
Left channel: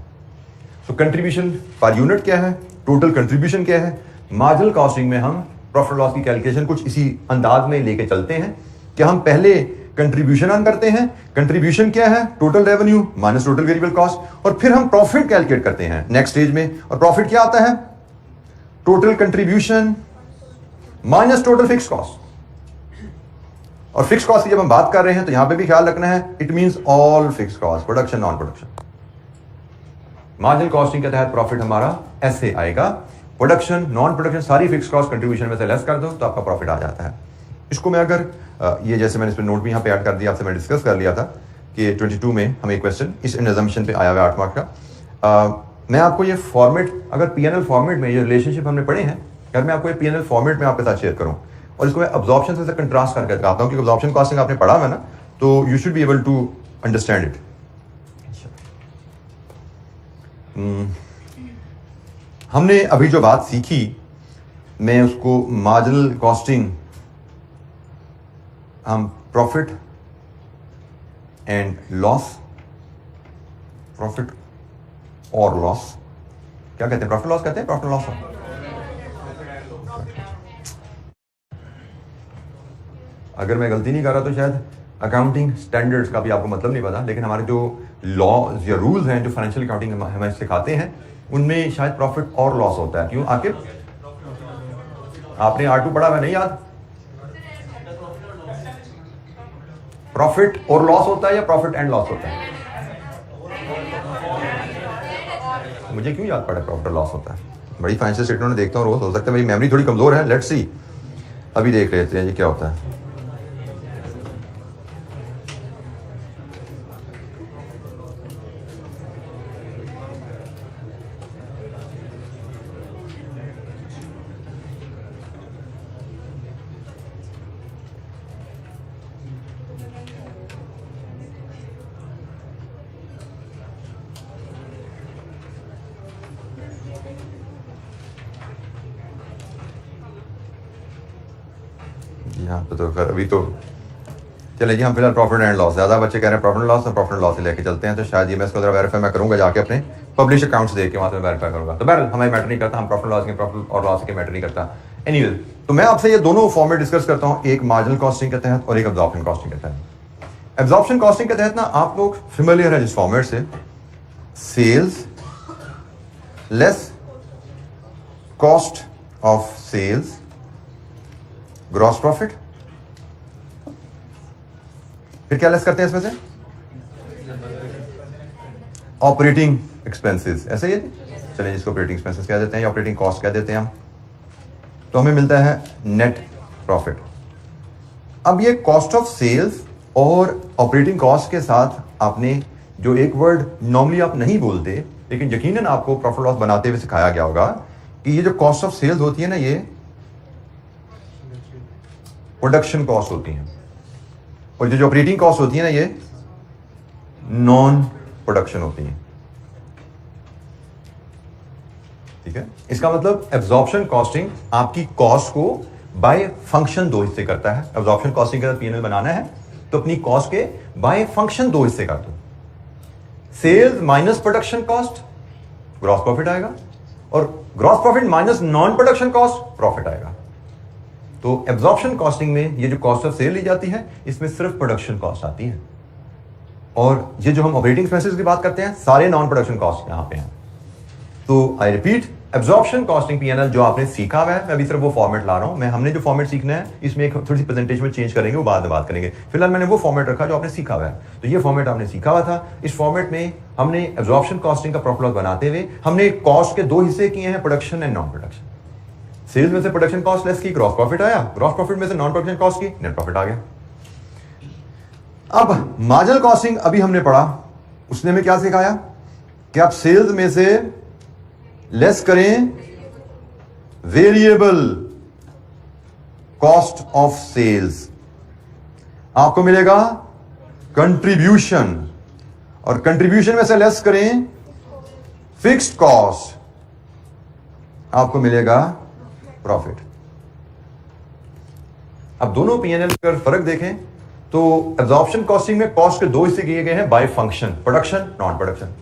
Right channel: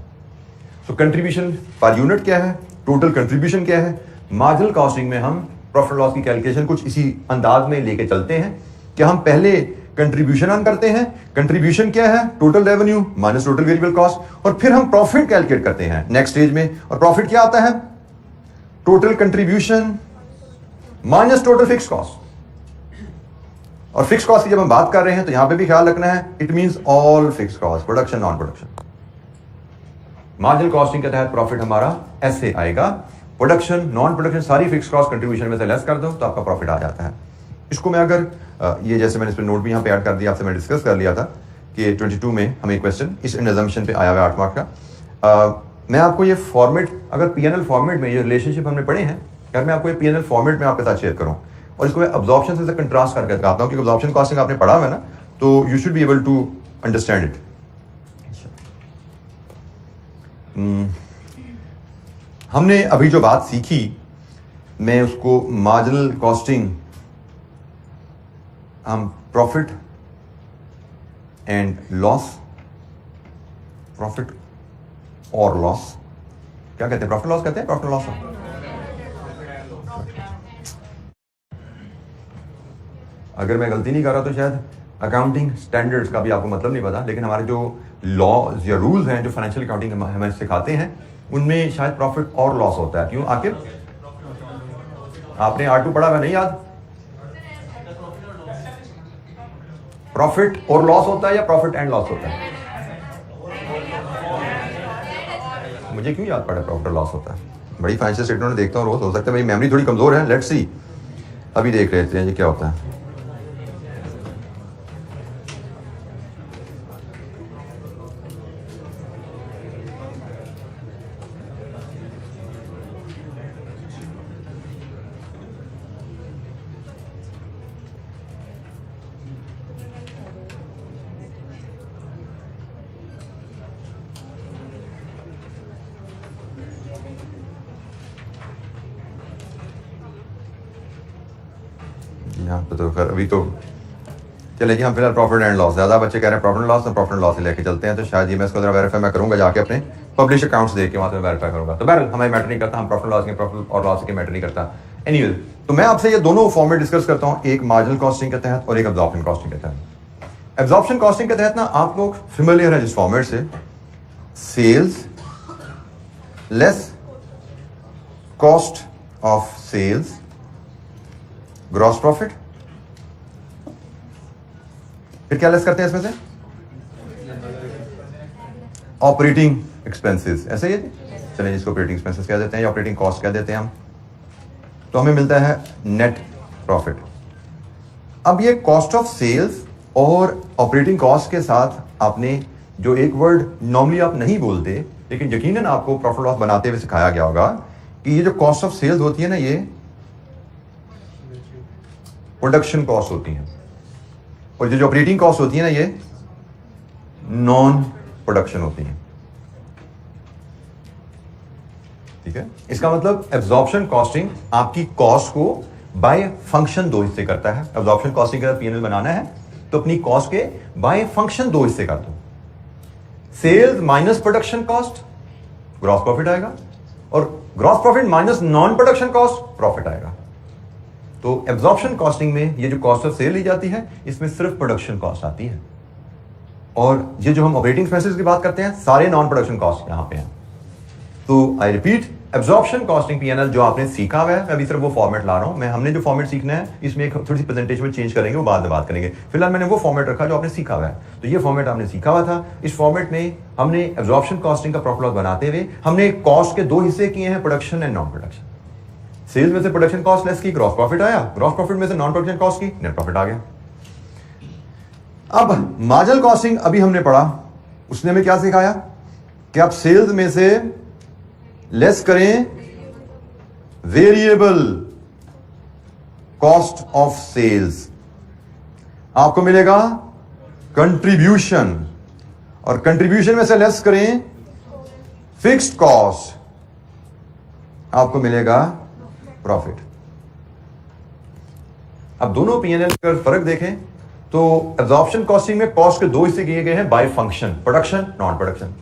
सो कंट्रीब्यूशन पर यूनिट क्या है, टोटल कंट्रीब्यूशन क्या है। मार्जिनल कॉस्टिंग में हम प्रॉफिट लॉस की कैलकुलेशन कुछ इसी अंदाज में लेके चलते हैं कि हम पहले कंट्रीब्यूशन ऑन करते हैं। कंट्रीब्यूशन क्या है, total revenue minus total variable cost, और फिर हम प्रॉफिट कैलकुलेट करते हैं नेक्स्ट स्टेज में। और प्रॉफिट क्या आता है, total contribution minus total fix cost. और फिक्स कॉस्ट की जब हम बात कर रहे हैं तो यहां पे भी ख्याल रखना है, it means all fix cost, production non production. Marginal costing के तहत प्रॉफिट हमारा ऐसे आएगा, प्रोडक्शन नॉन प्रोडक्शन सारी फिक्स कॉस्ट कंट्रीब्यूशन में से लेस कर दो तो आपका प्रॉफिट आ जाता है। इसको मैं अगर ये जैसे मैंने इस पर नोट भी यहाँ पे ऐड कर दिया, आपसे मैं डिस्कस कर लिया था कि 22 में हमें क्वेश्चन इस एग्जामिनेशन पे आया हुआ 8 मार्क का। मैं आपको ये फॉर्मेट, अगर पीएनएल फॉर्मेट में ये रिलेशनशिप हमने पढ़े हैं, अगर मैं आपको ये पीएनएल फॉर्मेट में आपके साथ शेयर करूँ और इसको मैं अब्जॉर्प्शन से कंट्रास्ट करके दिखाता हूँ, क्योंकि अब्जॉर्प्शन कॉस्टिंग आपने पढ़ा है ना, तो you should be able to understand it. हमने अभी जो बात सीखी मैं उसको मार्जिनल कॉस्टिंग, हम प्रॉफिट एंड लॉस, प्रॉफिट और लॉस क्या कहते हैं, प्रॉफिट लॉस कहते हैं, प्रॉफिट लॉस। अगर मैं गलती नहीं कर रहा तो शायद अकाउंटिंग स्टैंडर्ड्स का भी आपको मतलब नहीं पता, लेकिन हमारे जो लॉज या रूल्स हैं जो फाइनेंशियल अकाउंटिंग हमें सिखाते हैं उनमें शायद प्रॉफिट और लॉस होता है। क्यों आखिर आपने R2 पढ़ा, मैं नहीं याद, प्रॉफिट और लॉस होता है या प्रॉफिट एंड लॉस होता है? मुझे क्यों याद पड़ा प्रॉफिट और लॉस होता है? बड़ी फाइनेंशियल स्टेटमेंट में देखता हूँ रोज, हो सकता है मेरी मेमोरी थोड़ी कमजोर है, लेट्स सी। अभी देख रहे थे ये क्या होता है। यहाँ पे तो खैर अभी तो चले जी, हम फिलहाल प्रॉफिट एंड लॉस, ज़्यादा बच्चे कह रहे हैं प्रॉफिट एंड लॉस, तो प्रॉफिट एंड लॉस से लेके चलते हैं। तो शायद ये मैं इसको जरा वेरीफाई मैं करूँगा जाके अपने पब्लिश अकाउंट्स देख के वहाँ से वेरीफाई करूँगा। तो बहरहाल हमें मैटर नहीं करता, हम प्रॉफिट लॉस के प्रॉफिट और लॉस के मैटर नहीं करता। एनीवे, तो मैं आपसे ये दोनों फॉर्मेट डिस्कस करता हूँ, एक मार्जिनल कॉस्टिंग के तहत और एक एब्जॉर्प्शन कॉस्टिंग के तहत। एब्जॉर्प्शन कॉस्टिंग के तहत ना आप लोग फेमिलियर है जिस फॉर्मेट से, sales less cost of sales gross profit, फिर क्या लेस करते हैं इसमें से, ऑपरेटिंग एक्सपेंसेस, ऐसे ही चलिए जिसको ऑपरेटिंग एक्सपेंसेस कह देते हैं या ऑपरेटिंग कॉस्ट कह देते हैं हम, तो हमें मिलता है नेट प्रॉफिट। अब ये कॉस्ट ऑफ सेल्स और ऑपरेटिंग कॉस्ट के साथ आपने जो एक वर्ड नॉर्मली आप नहीं बोलते लेकिन यकीनन आपको प्रॉफिट लॉस बनाते हुए सिखाया गया होगा कि ये जो कॉस्ट ऑफ सेल्स होती है ना, ये प्रोडक्शन कॉस्ट होती हैं, और जो ऑपरेटिंग कॉस्ट होती है ना, ये नॉन प्रोडक्शन होती हैं। ठीक है, इसका मतलब एब्जॉर्प्शन कॉस्टिंग आपकी कॉस्ट को बाय फंक्शन दो हिस्से करता है। एब्जॉर्प्शन कॉस्टिंग का पीएनएल बनाना है तो अपनी कॉस्ट के बाय फंक्शन दो हिस्से कर दो, sales minus production cost gross profit आएगा, और gross profit minus non production cost profit आएगा। तो एब्जॉर्प्शन कॉस्टिंग में ये जो कॉस्ट ऑफ सेल ली जाती है इसमें सिर्फ प्रोडक्शन कॉस्ट आती है, और ये जो हम ऑपरेटिंग एक्सपेंसेस की बात करते हैं सारे नॉन प्रोडक्शन कॉस्ट यहां पे हैं। तो I repeat, absorption costing PNL जो आपने सीखा हुआ है, मैं अभी सिर्फ वो फॉर्मेट ला रहा हूं। मैं हमने जो फॉर्मेट सीखना है इसमें एक थोड़ी सी प्रेजेंटेशन में चेंज करेंगे, वो बाद में बात करेंगे। फिलहाल मैंने वो फॉर्मेट रखा जो आपने सीखा हुआ है। तो ये फॉर्मेट आपने सीखा हुआ था, इस फॉर्मेट में हमने एब्जॉर्प्शन कॉस्टिंग का प्रॉफिट लॉस बनाते हुए हमने कॉस्ट के दो हिस्से किए हैं, production and non production. Sales में से प्रोडक्शन कॉस्ट लेस की, ग्रॉस प्रॉफिट आया, ग्रॉस प्रॉफिट में से नॉन प्रोडक्शन कॉस्ट की, नेट प्रॉफिट आ गया। अब मार्जिनल कॉस्टिंग अभी हमने पढ़ा, उसने हमें क्या सिखाया कि आप सेल्स में से लेस करें वेरिएबल कॉस्ट ऑफ सेल्स, आपको मिलेगा कंट्रीब्यूशन, और कंट्रीब्यूशन में से लेस करें फिक्स्ड कॉस्ट, आपको मिलेगा प्रॉफिट। अब दोनों पीएनएल का फर्क देखें तो एब्जॉर्प्शन कॉस्टिंग में कॉस्ट के दो हिस्से किए गए हैं by function, production, non production.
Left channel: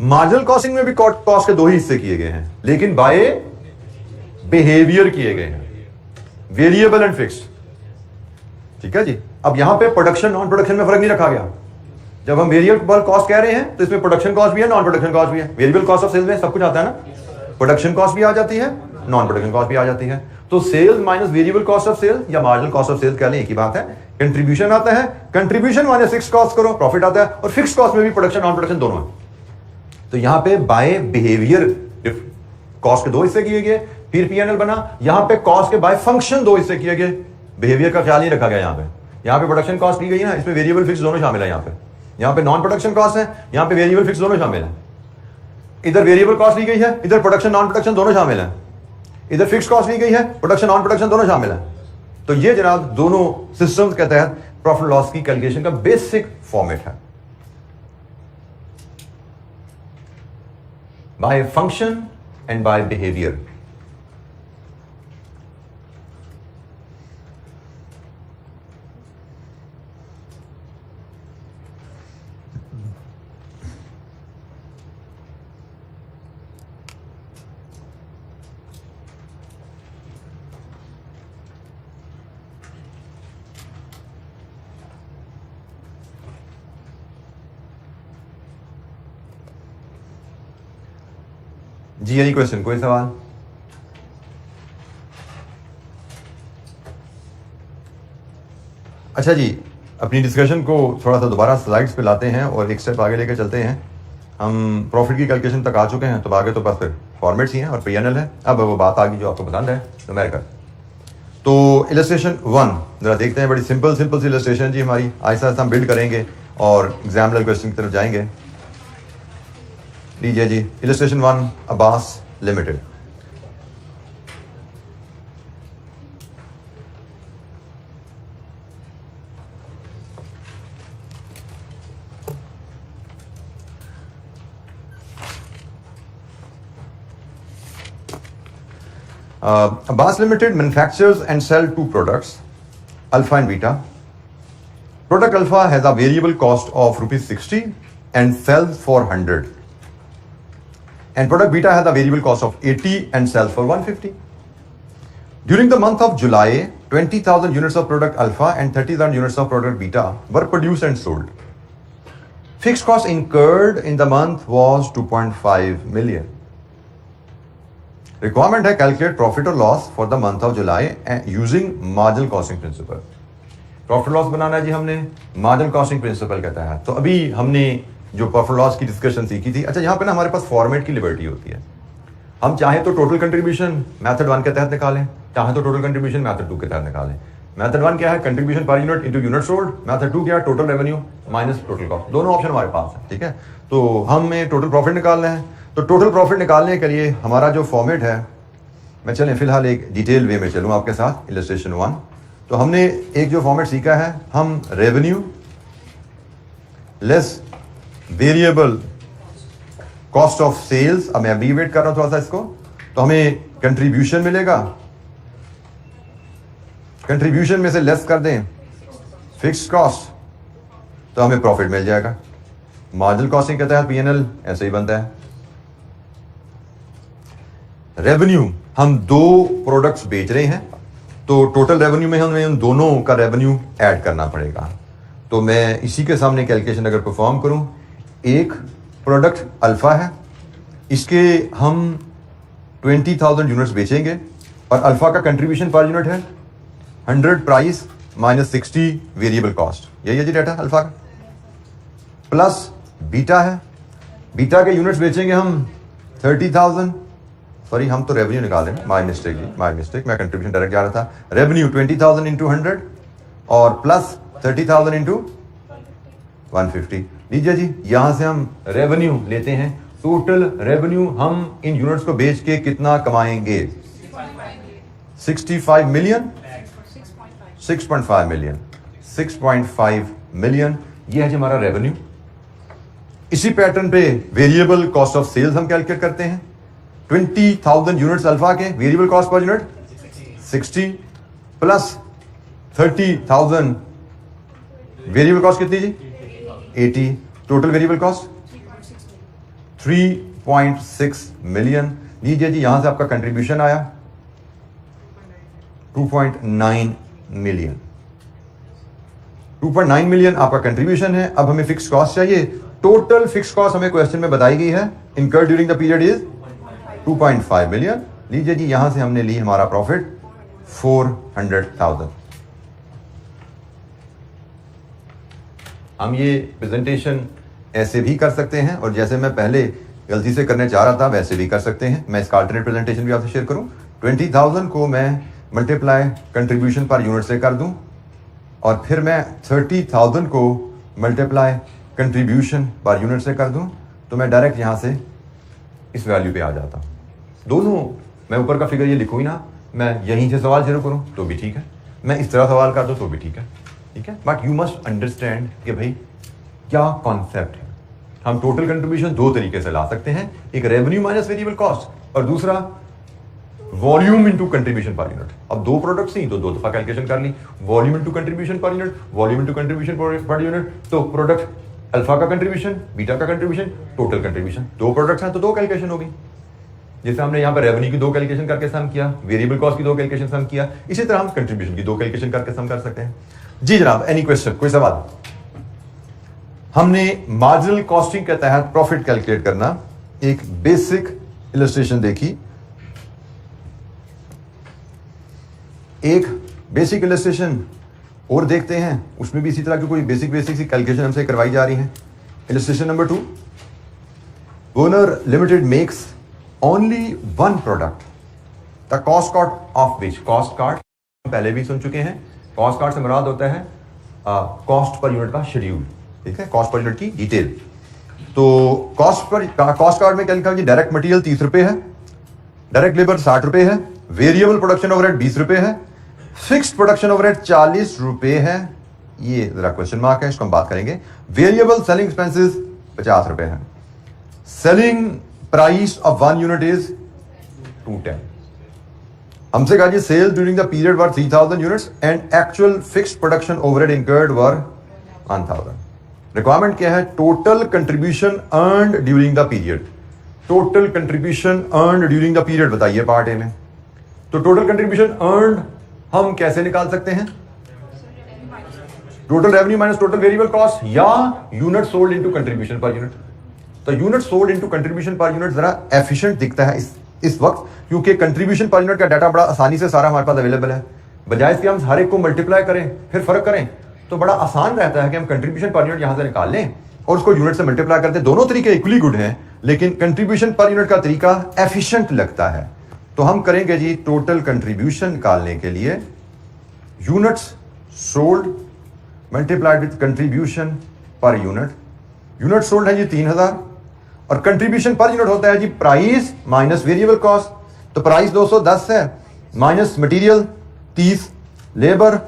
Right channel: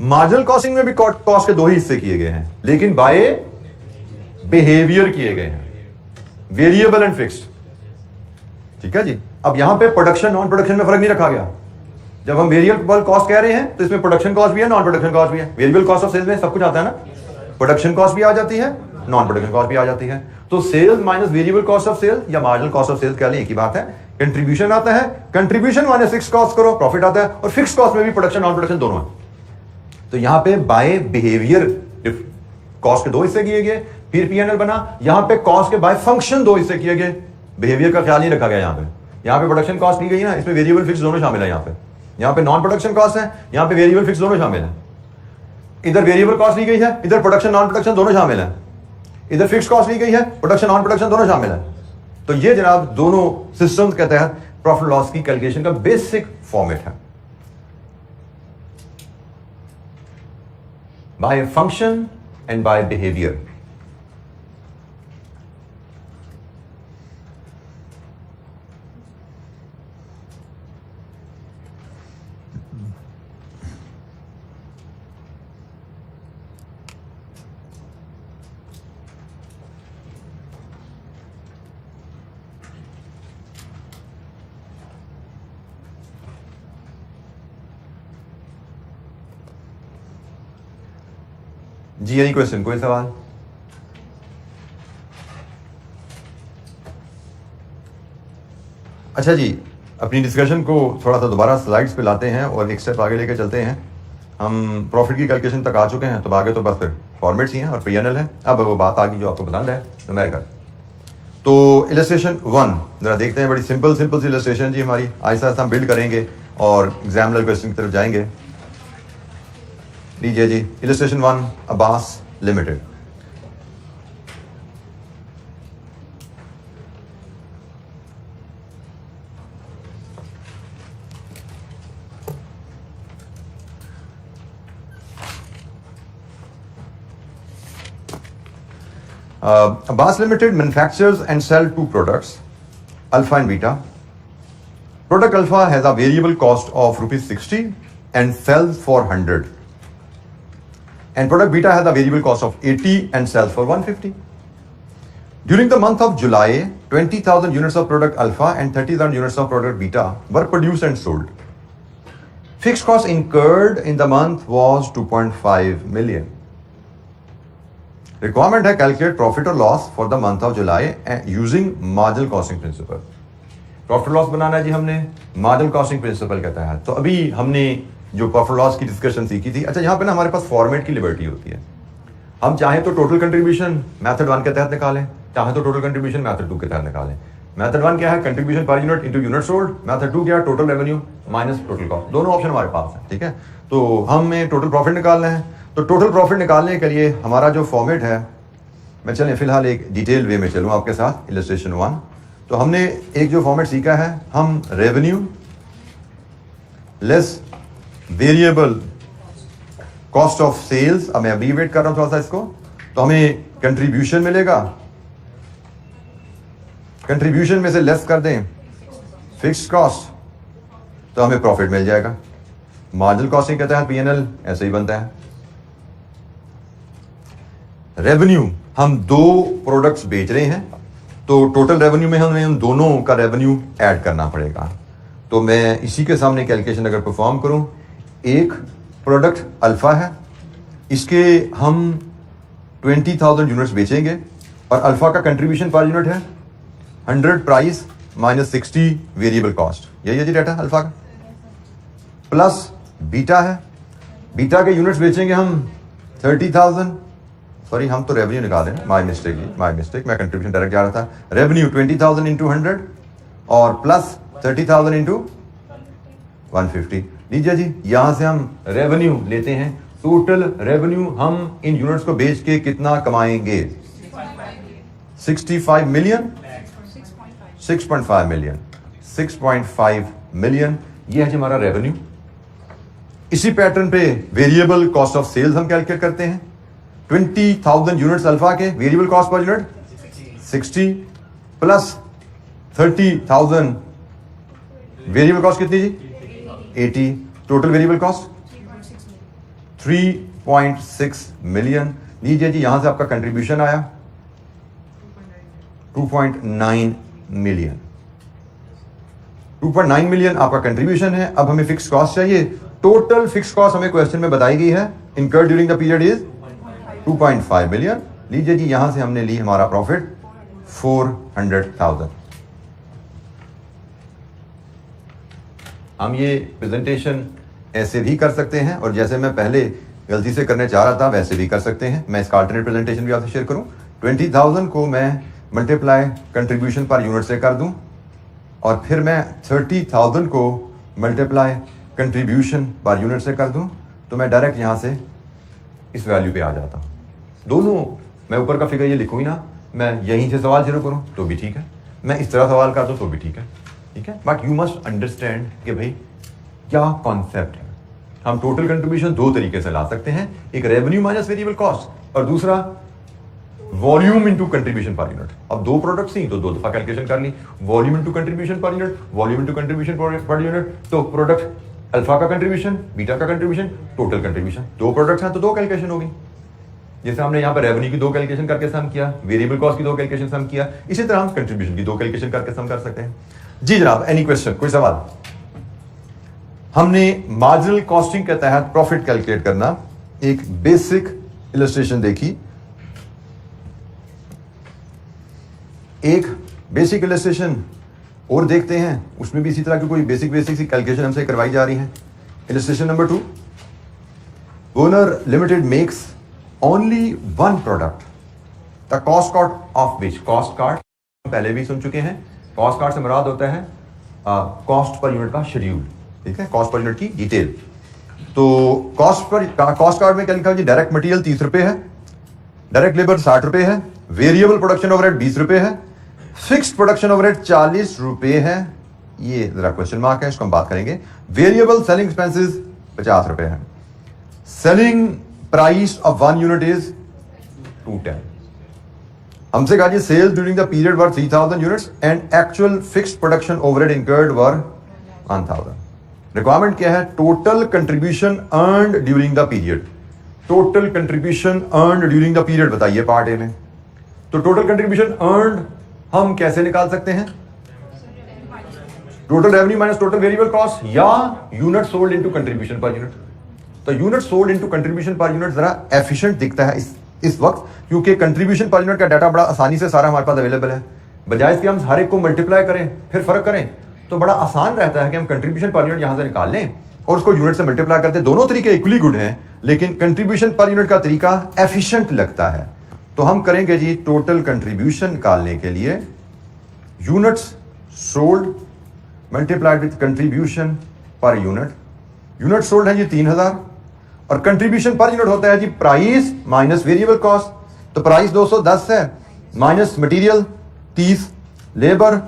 Marginal costing में भी कॉस्ट के दो ही हिस्से किए गए हैं, लेकिन बाय बिहेवियर किए गए हैं, वेरिएबल एंड फिक्स्ड। ठीक है जी। अब यहां पे प्रोडक्शन नॉन प्रोडक्शन में फर्क नहीं रखा गया। जब हम वेरिएबल कॉस्ट कह रहे हैं तो इसमें प्रोडक्शन कॉस्ट भी है, नॉन प्रोडक्शन कॉस्ट भी है। वेरिएबल कॉस्ट ऑफ सेल्स में सब कुछ आता है ना, प्रोडक्शन कॉस्ट भी आ जाती है, नॉन प्रोडक्शन कॉस्ट भी आ जाती है। तो sales minus variable cost of sales या मार्जिनल कॉस्ट ऑफ सेल्स कह लें, एक ही बात है। कंट्रीब्यूशन आता है, कंट्रीब्यूशन माइनस फिक्स्ड कॉस्ट करो, प्रॉफिट आता है। और फिक्स्ड कॉस्ट में भी प्रोडक्शन नॉन प्रोडक्शन दोनों है। तो यहां पे बाय बिहेवियर कॉस्ट के दो हिस्से किए गए, फिर पीएनएल बना। यहां पे कॉस्ट के बाय फंक्शन दो हिस्से किए गए, बिहेवियर का ख्याल नहीं रखा गया। यहां पे प्रोडक्शन कॉस्ट ली गई ना, इसमें वेरिएबल फिक्स दोनों शामिल है। यहां पे नॉन प्रोडक्शन कॉस्ट है, यहां पे वेरिएबल फिक्स दोनों शामिल है। इधर वेरिएबल कॉस्ट ली गई है, इधर प्रोडक्शन नॉन प्रोडक्शन दोनों शामिल है। इधर फिक्स कॉस्ट ली गई है, प्रोडक्शन नॉन प्रोडक्शन दोनों शामिल है। तो ये जनाब दोनों सिस्टम्स के तहत प्रॉफिट लॉस की कैलकुलेशन का बेसिक फॉर्मेट है, by function and by behaviour. जी एनी क्वेश्चन, कोई सवाल? अच्छा जी, अपनी डिस्कशन को थोड़ा सा दोबारा स्लाइड्स पे लाते हैं और एक स्टेप आगे लेके चलते हैं। हम प्रॉफिट की कैलकुलेशन तक आ चुके हैं, तो आगे तो बस फिर फॉर्मेट्स ही हैं और पीएनएल है। अब वो बात आ गई जो आपको पसंद है, न्यूमेरिकल। तो इलस्ट्रेशन 1 जरा देखते हैं। बड़ी सिंपल सी इलस्ट्रेशन जी हमारी, आहिस्ता आहिस्ता हम बिल्ड करेंगे और एग्जाम लेवल क्वेश्चन की तरफ जाएंगे। लीजिए जी, illustration 1, Abbas limited. Abbas Limited manufactures and sell two products, Alpha and Beta. Product Alpha has a variable cost of ₹60 and sells for 100. And product Beta has a variable cost of 80 and sells for 150. During the month of July, 20,000 units of product Alpha and 30,000 units of product Beta were produced and sold. Fixed cost incurred in the month was 2.5 million. Requirement है calculate profit or loss for the month of July using marginal costing principle. Profit loss बनाना है जी हमने marginal costing principle के तहत। तो अभी हमने जो profit loss की डिस्कशन सीखी थी। अच्छा, यहाँ पे ना हमारे पास फॉर्मेट की लिबर्टी होती है। हम चाहे तो टोटल कंट्रीब्यूशन मेथड 1 के तहत निकालें, चाहे तो टोटल कंट्रीब्यूशन मेथड 2 के तहत निकालें। मेथड 1 क्या है, contribution per unit into unit sold. Method 2 क्या है, total revenue minus total cost. दोनों ऑप्शन हमारे पास है, ठीक है। तो हमें टोटल प्रॉफिट निकालना है। तो टोटल प्रॉफिट निकालने के लिए हमारा जो फॉर्मेट है, मैं चलें फिलहाल एक डिटेल वे में चलूँ आपके साथ। इलस्ट्रेशन 1, तो हमने एक जो फॉर्मेट सीखा है, हम revenue less variable cost of sales, अब मैं एब्रीविएट कर रहा हूं थोड़ा सा इसको, तो हमें कंट्रीब्यूशन मिलेगा। कंट्रीब्यूशन में से लेस कर दें फिक्स्ड कॉस्ट, तो हमें प्रॉफिट मिल जाएगा। मार्जिनल कॉस्टिंग के तहत पीएनएल ऐसे ही बनता है। रेवेन्यू, हम दो प्रोडक्ट्स बेच रहे हैं, तो टोटल रेवेन्यू में हमें उन दोनों का रेवेन्यू ऐड करना पड़ेगा। तो मैं इसी के सामने कैलकुलेशन अगर परफॉर्म करूं, एक प्रोडक्ट अल्फा है, इसके हम 20,000 यूनिट्स बेचेंगे और अल्फा का कंट्रीब्यूशन पर यूनिट है 100 प्राइस माइनस 60 वेरिएबल कॉस्ट। यही है जी डाटा अल्फा का। प्लस बीटा है, बीटा के यूनिट्स बेचेंगे हम 30,000, सॉरी हम तो रेवेन्यू निकाल रहे हैं, माई मिस्टेक, मैं कंट्रीब्यूशन डायरेक्ट जा रहा था। रेवेन्यू 20,000 इंटू 100 और प्लस 30,000 इंटू 150। लीजिए जी, यहां से हम रेवेन्यू लेते हैं। टोटल रेवेन्यू हम इन यूनिट्स को बेच के कितना कमाएंगे? 65 मिलियन, 6.5 मिलियन, 6.5 मिलियन। ये है जी हमारा रेवेन्यू। इसी पैटर्न पे वेरिएबल कॉस्ट ऑफ सेल्स हम कैलकुलेट करते हैं। 20,000 यूनिट्स अल्फा के variable cost per unit 60 plus 30,000 variable cost कितनी जी 80। Total variable cost 3.6 million. लीजिए जी यहां से आपका कंट्रीब्यूशन आया 2.9 मिलियन। 2.9 मिलियन आपका कंट्रीब्यूशन है। अब हमें फिक्स कॉस्ट चाहिए। टोटल फिक्स कॉस्ट हमें क्वेश्चन में बताई गई है incurred during the period is 2.5 million. लीजिए जी यहां से हमने ली हमारा प्रॉफिट 400,000। हम ये प्रेजेंटेशन ऐसे भी कर सकते हैं और जैसे मैं पहले गलती से करने चाह रहा था वैसे भी कर सकते हैं। मैं इसका अल्टरनेट प्रेजेंटेशन भी आपसे शेयर करूं। 20,000 को मैं मल्टीप्लाई कंट्रीब्यूशन पर यूनिट से कर दूं और फिर मैं 30,000 को मल्टीप्लाई कंट्रीब्यूशन पर यूनिट से कर दूं तो मैं डायरेक्ट यहां से इस वैल्यू पे आ जाता हूं। दोनों मैं ऊपर का फिगर ये लिखूं ही ना, मैं यहीं से सवाल शुरू करूं तो भी ठीक है, मैं इस तरह सवाल कर दूं तो भी ठीक है। बट यू मस्ट अंडरस्टैंड कि भाई क्या कॉन्सेप्ट है। हम टोटल कंट्रीब्यूशन दो तरीके से ला सकते हैं, एक रेवेन्यू माइनस वेरिएबल कॉस्ट और दूसरा volume into contribution per unit. अब दो प्रोडक्ट्स ही तो दो दफा कैलकुलेशन कर ली, volume into contribution per unit, volume into contribution per unit. तो प्रोडक्ट अल्फा का कंट्रीब्यूशन, बीटा का कंट्रीब्यूशन, टोटल कंट्रीब्यूशन। दो प्रोडक्ट्स हैं तो दो कैलकुलेशन होगी। जैसे हमने यहाँ पर रेवेन्यू की दो कैलकुलेशन करके सम किया, वेरिएबल कॉस्ट की दो कैलकुलेशन सम किया, इसी तरह हम कंट्रीब्यूशन की दो कैलकुलेशन करके सम कर सकते हैं। जी जनाब, एनी क्वेश्चन, कोई सवाल? हमने मार्जिनल कॉस्टिंग के तहत प्रॉफिट कैलकुलेट करना एक बेसिक इलस्ट्रेशन देखी। एक बेसिक इलस्ट्रेशन और देखते हैं, उसमें भी इसी तरह की कोई बेसिक सी कैलकुलेशन हमसे करवाई जा रही है। Illustration number 2, owner limited makes only one product, the cost card of which, cost card पहले भी सुन चुके हैं। कॉस्ट कार्ड से मुराद होता है कॉस्ट पर यूनिट का शेड्यूल, ठीक है, कॉस्ट पर यूनिट की डिटेल। तो कॉस्ट कार्ड में क्या लिखा है? डायरेक्ट मटेरियल 30 रुपए है, डायरेक्ट लेबर 60 रुपए है, वेरिएबल प्रोडक्शन ओवरहेड 20 रुपए है, फिक्स्ड प्रोडक्शन ओवरहेड 40 रुपए है। ये जरा क्वेश्चन मार्क है, इसको हम बात करेंगे। वेरिएबल सेलिंग एक्सपेंसेस 50 रुपए है। Selling price of one unit is 210। हमसे कहा जी sales during the period were 3,000 units and actual fixed production overhead incurred were 1,000। Requirement क्या है? Total contribution earned during the period. Total contribution earned during the period बताइए part A में। तो total contribution earned हम कैसे निकाल सकते हैं? Total revenue minus total variable cost या unit sold into contribution per unit. तो unit sold into contribution per unit जरा एफिशिएंट दिखता है इस वक्त, क्योंकि कंट्रीब्यूशन पर यूनिट का डाटा बड़ा आसानी से सारा हमारे पास अवेलेबल है। बजाय इसके हम हर एक को मल्टीप्लाई करें फिर फर्क करें तो बड़ा आसान रहता है कि हम कंट्रीब्यूशन पर यूनिट यहां से निकाल लें और उसको यूनिट से मल्टीप्लाई करते हैं। दोनों तरीके इक्वली गुड हैं, लेकिन कंट्रीब्यूशन पर यूनिट का तरीका एफिशिएंट लगता है। तो हम करेंगे जी टोटल कंट्रीब्यूशन निकालने के लिए units sold multiplied with contribution per unit. Unit sold है जी 3,000 और कंट्रीब्यूशन पर यूनिट होता है जी प्राइस माइनस वेरिएबल कॉस्ट। तो प्राइस 210 है, minus material 30, labour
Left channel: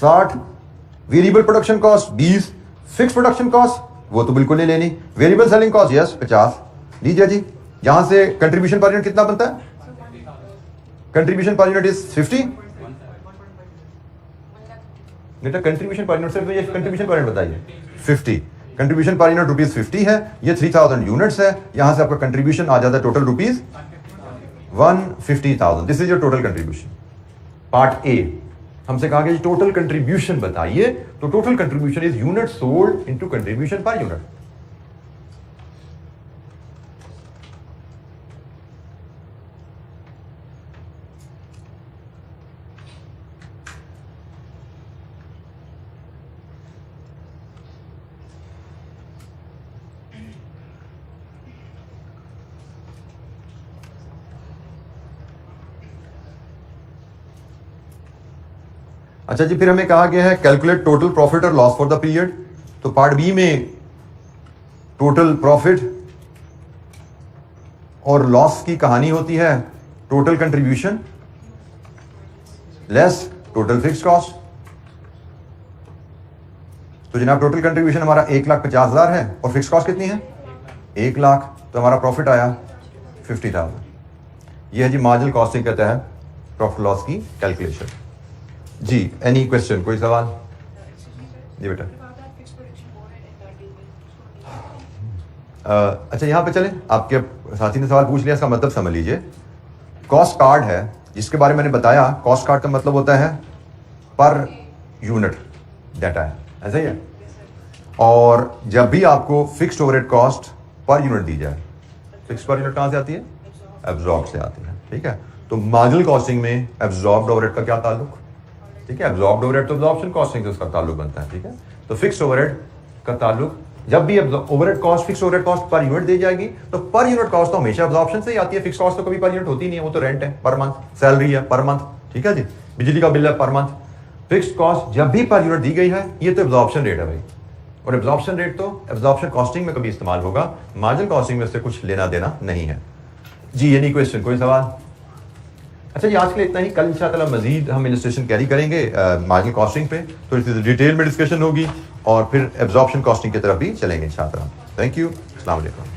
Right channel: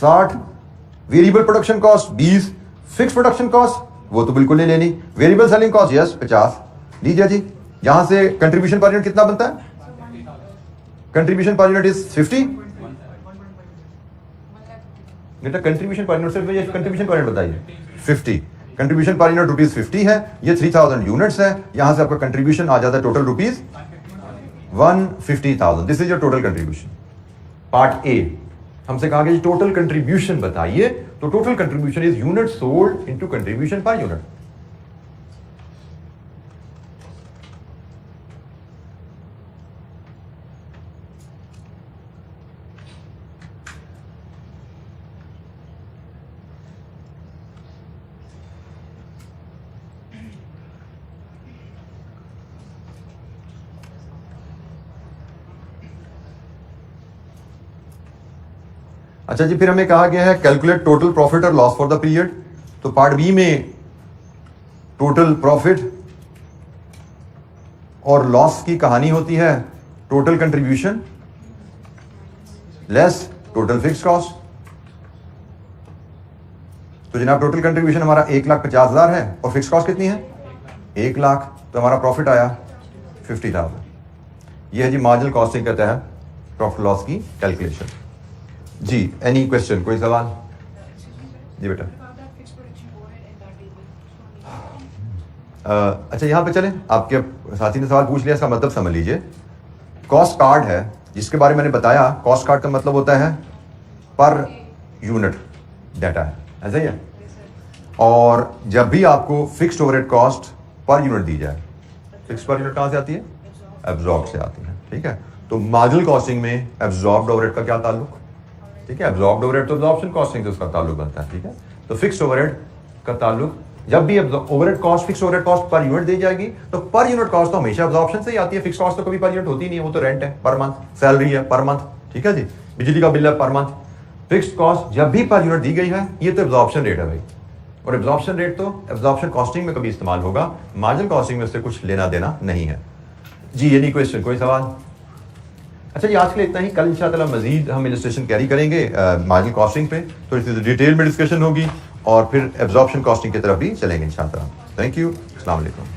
60, variable production cost 20, fix production cost वो तो बिल्कुल नहीं लेनी, वेरिएबल सेलिंग कॉस्ट यस 50। लीजिए जी यहां से कंट्रीब्यूशन पर यूनिट कितना बनता है? Contribution per unit is 50। बेटा कंट्रीब्यूशन पर यूनिट से मुझे कंट्रीब्यूशन पर यूनिट बताइए। 50 कंट्रीब्यूशन पर यूनिट रुपीज 50 है, ये 3,000 यूनिट्स है। यहां से आपका कंट्रीब्यूशन आ जाता है total rupees 150,000। This is your total contribution. Part A हमसे कहा गया टोटल कंट्रीब्यूशन बताइए, तो total contribution is unit sold into contribution per unit. अच्छा जी, फिर हमें कहा गया है कैलकुलेट टोटल प्रॉफिट और लॉस फॉर द पीरियड। तो पार्ट बी में टोटल प्रॉफिट और लॉस की कहानी होती है total contribution less total fixed cost. तो जनाब टोटल कंट्रीब्यूशन हमारा 1,50,000 है और फिक्स कॉस्ट कितनी है 1 लाख, तो हमारा प्रॉफिट आया 50,000। ये है जी मार्जिनल कॉस्टिंग के तहत प्रॉफिट लॉस की कैलकुलेशन। जी एनी क्वेश्चन, कोई सवाल? जी बेटा। अच्छा यहाँ पे चलें, आपके साथी ने सवाल पूछ लिया, इसका मतलब समझ लीजिए। कॉस्ट कार्ड है जिसके बारे में मैंने बताया, कॉस्ट कार्ड का मतलब होता है पर यूनिट डाटा है, ऐसा ही है। और जब भी आपको fixed overhead cost per unit दी जाए, फिक्स पर यूनिट कहाँ से आती है? एब्जॉर्ब से आती है, ठीक है। तो मार्जिनल कॉस्टिंग में एब्जॉर्ब्ड ओवरहेड का क्या ताल्लुक? ठीक है, एब्जॉर्ब्ड ओवरहेड तो एब्जॉर्प्शन कॉस्टिंग से उसका ताल्लुक बनता है, ठीक है। तो फिक्स्ड ओवरहेड का ताल्लुक, जब भी overhead cost fix overhead cost per unit दी जाएगी तो पर यूनिट कॉस्ट तो हमेशा एब्जॉर्प्शन से ही आती है। फिक्स कॉस्ट तो कभी पर यूनिट होती नहीं है, वो तो रेंट है पर मंथ, सैलरी है पर मंथ, ठीक है जी, बिजली का बिल है पर मंथ। फिक्स्ड कॉस्ट जब भी पर यूनिट दी गई है, ये तो एब्जॉर्प्शन रेट है भाई, और एब्जॉर्प्शन रेट तो एब्जॉर्प्शन कॉस्टिंग में कभी इस्तेमाल होगा, मार्जिनल कॉस्टिंग में उससे कुछ लेना देना नहीं है। जी एनी क्वेश्चन, कोई सवाल? अच्छा जी, आज के लिए इतना ही। कल इंशाअल्लाह मजीद हम इलस्ट्रेशन कैरी करेंगे मार्जिनल कॉस्टिंग पे, तो इसकी डिटेल में डिस्कशन होगी और फिर एब्जॉर्प्शन कॉस्टिंग की तरफ भी चलेंगे इंशाअल्लाह। थैंक यू, अस्सलाम वालेकुम।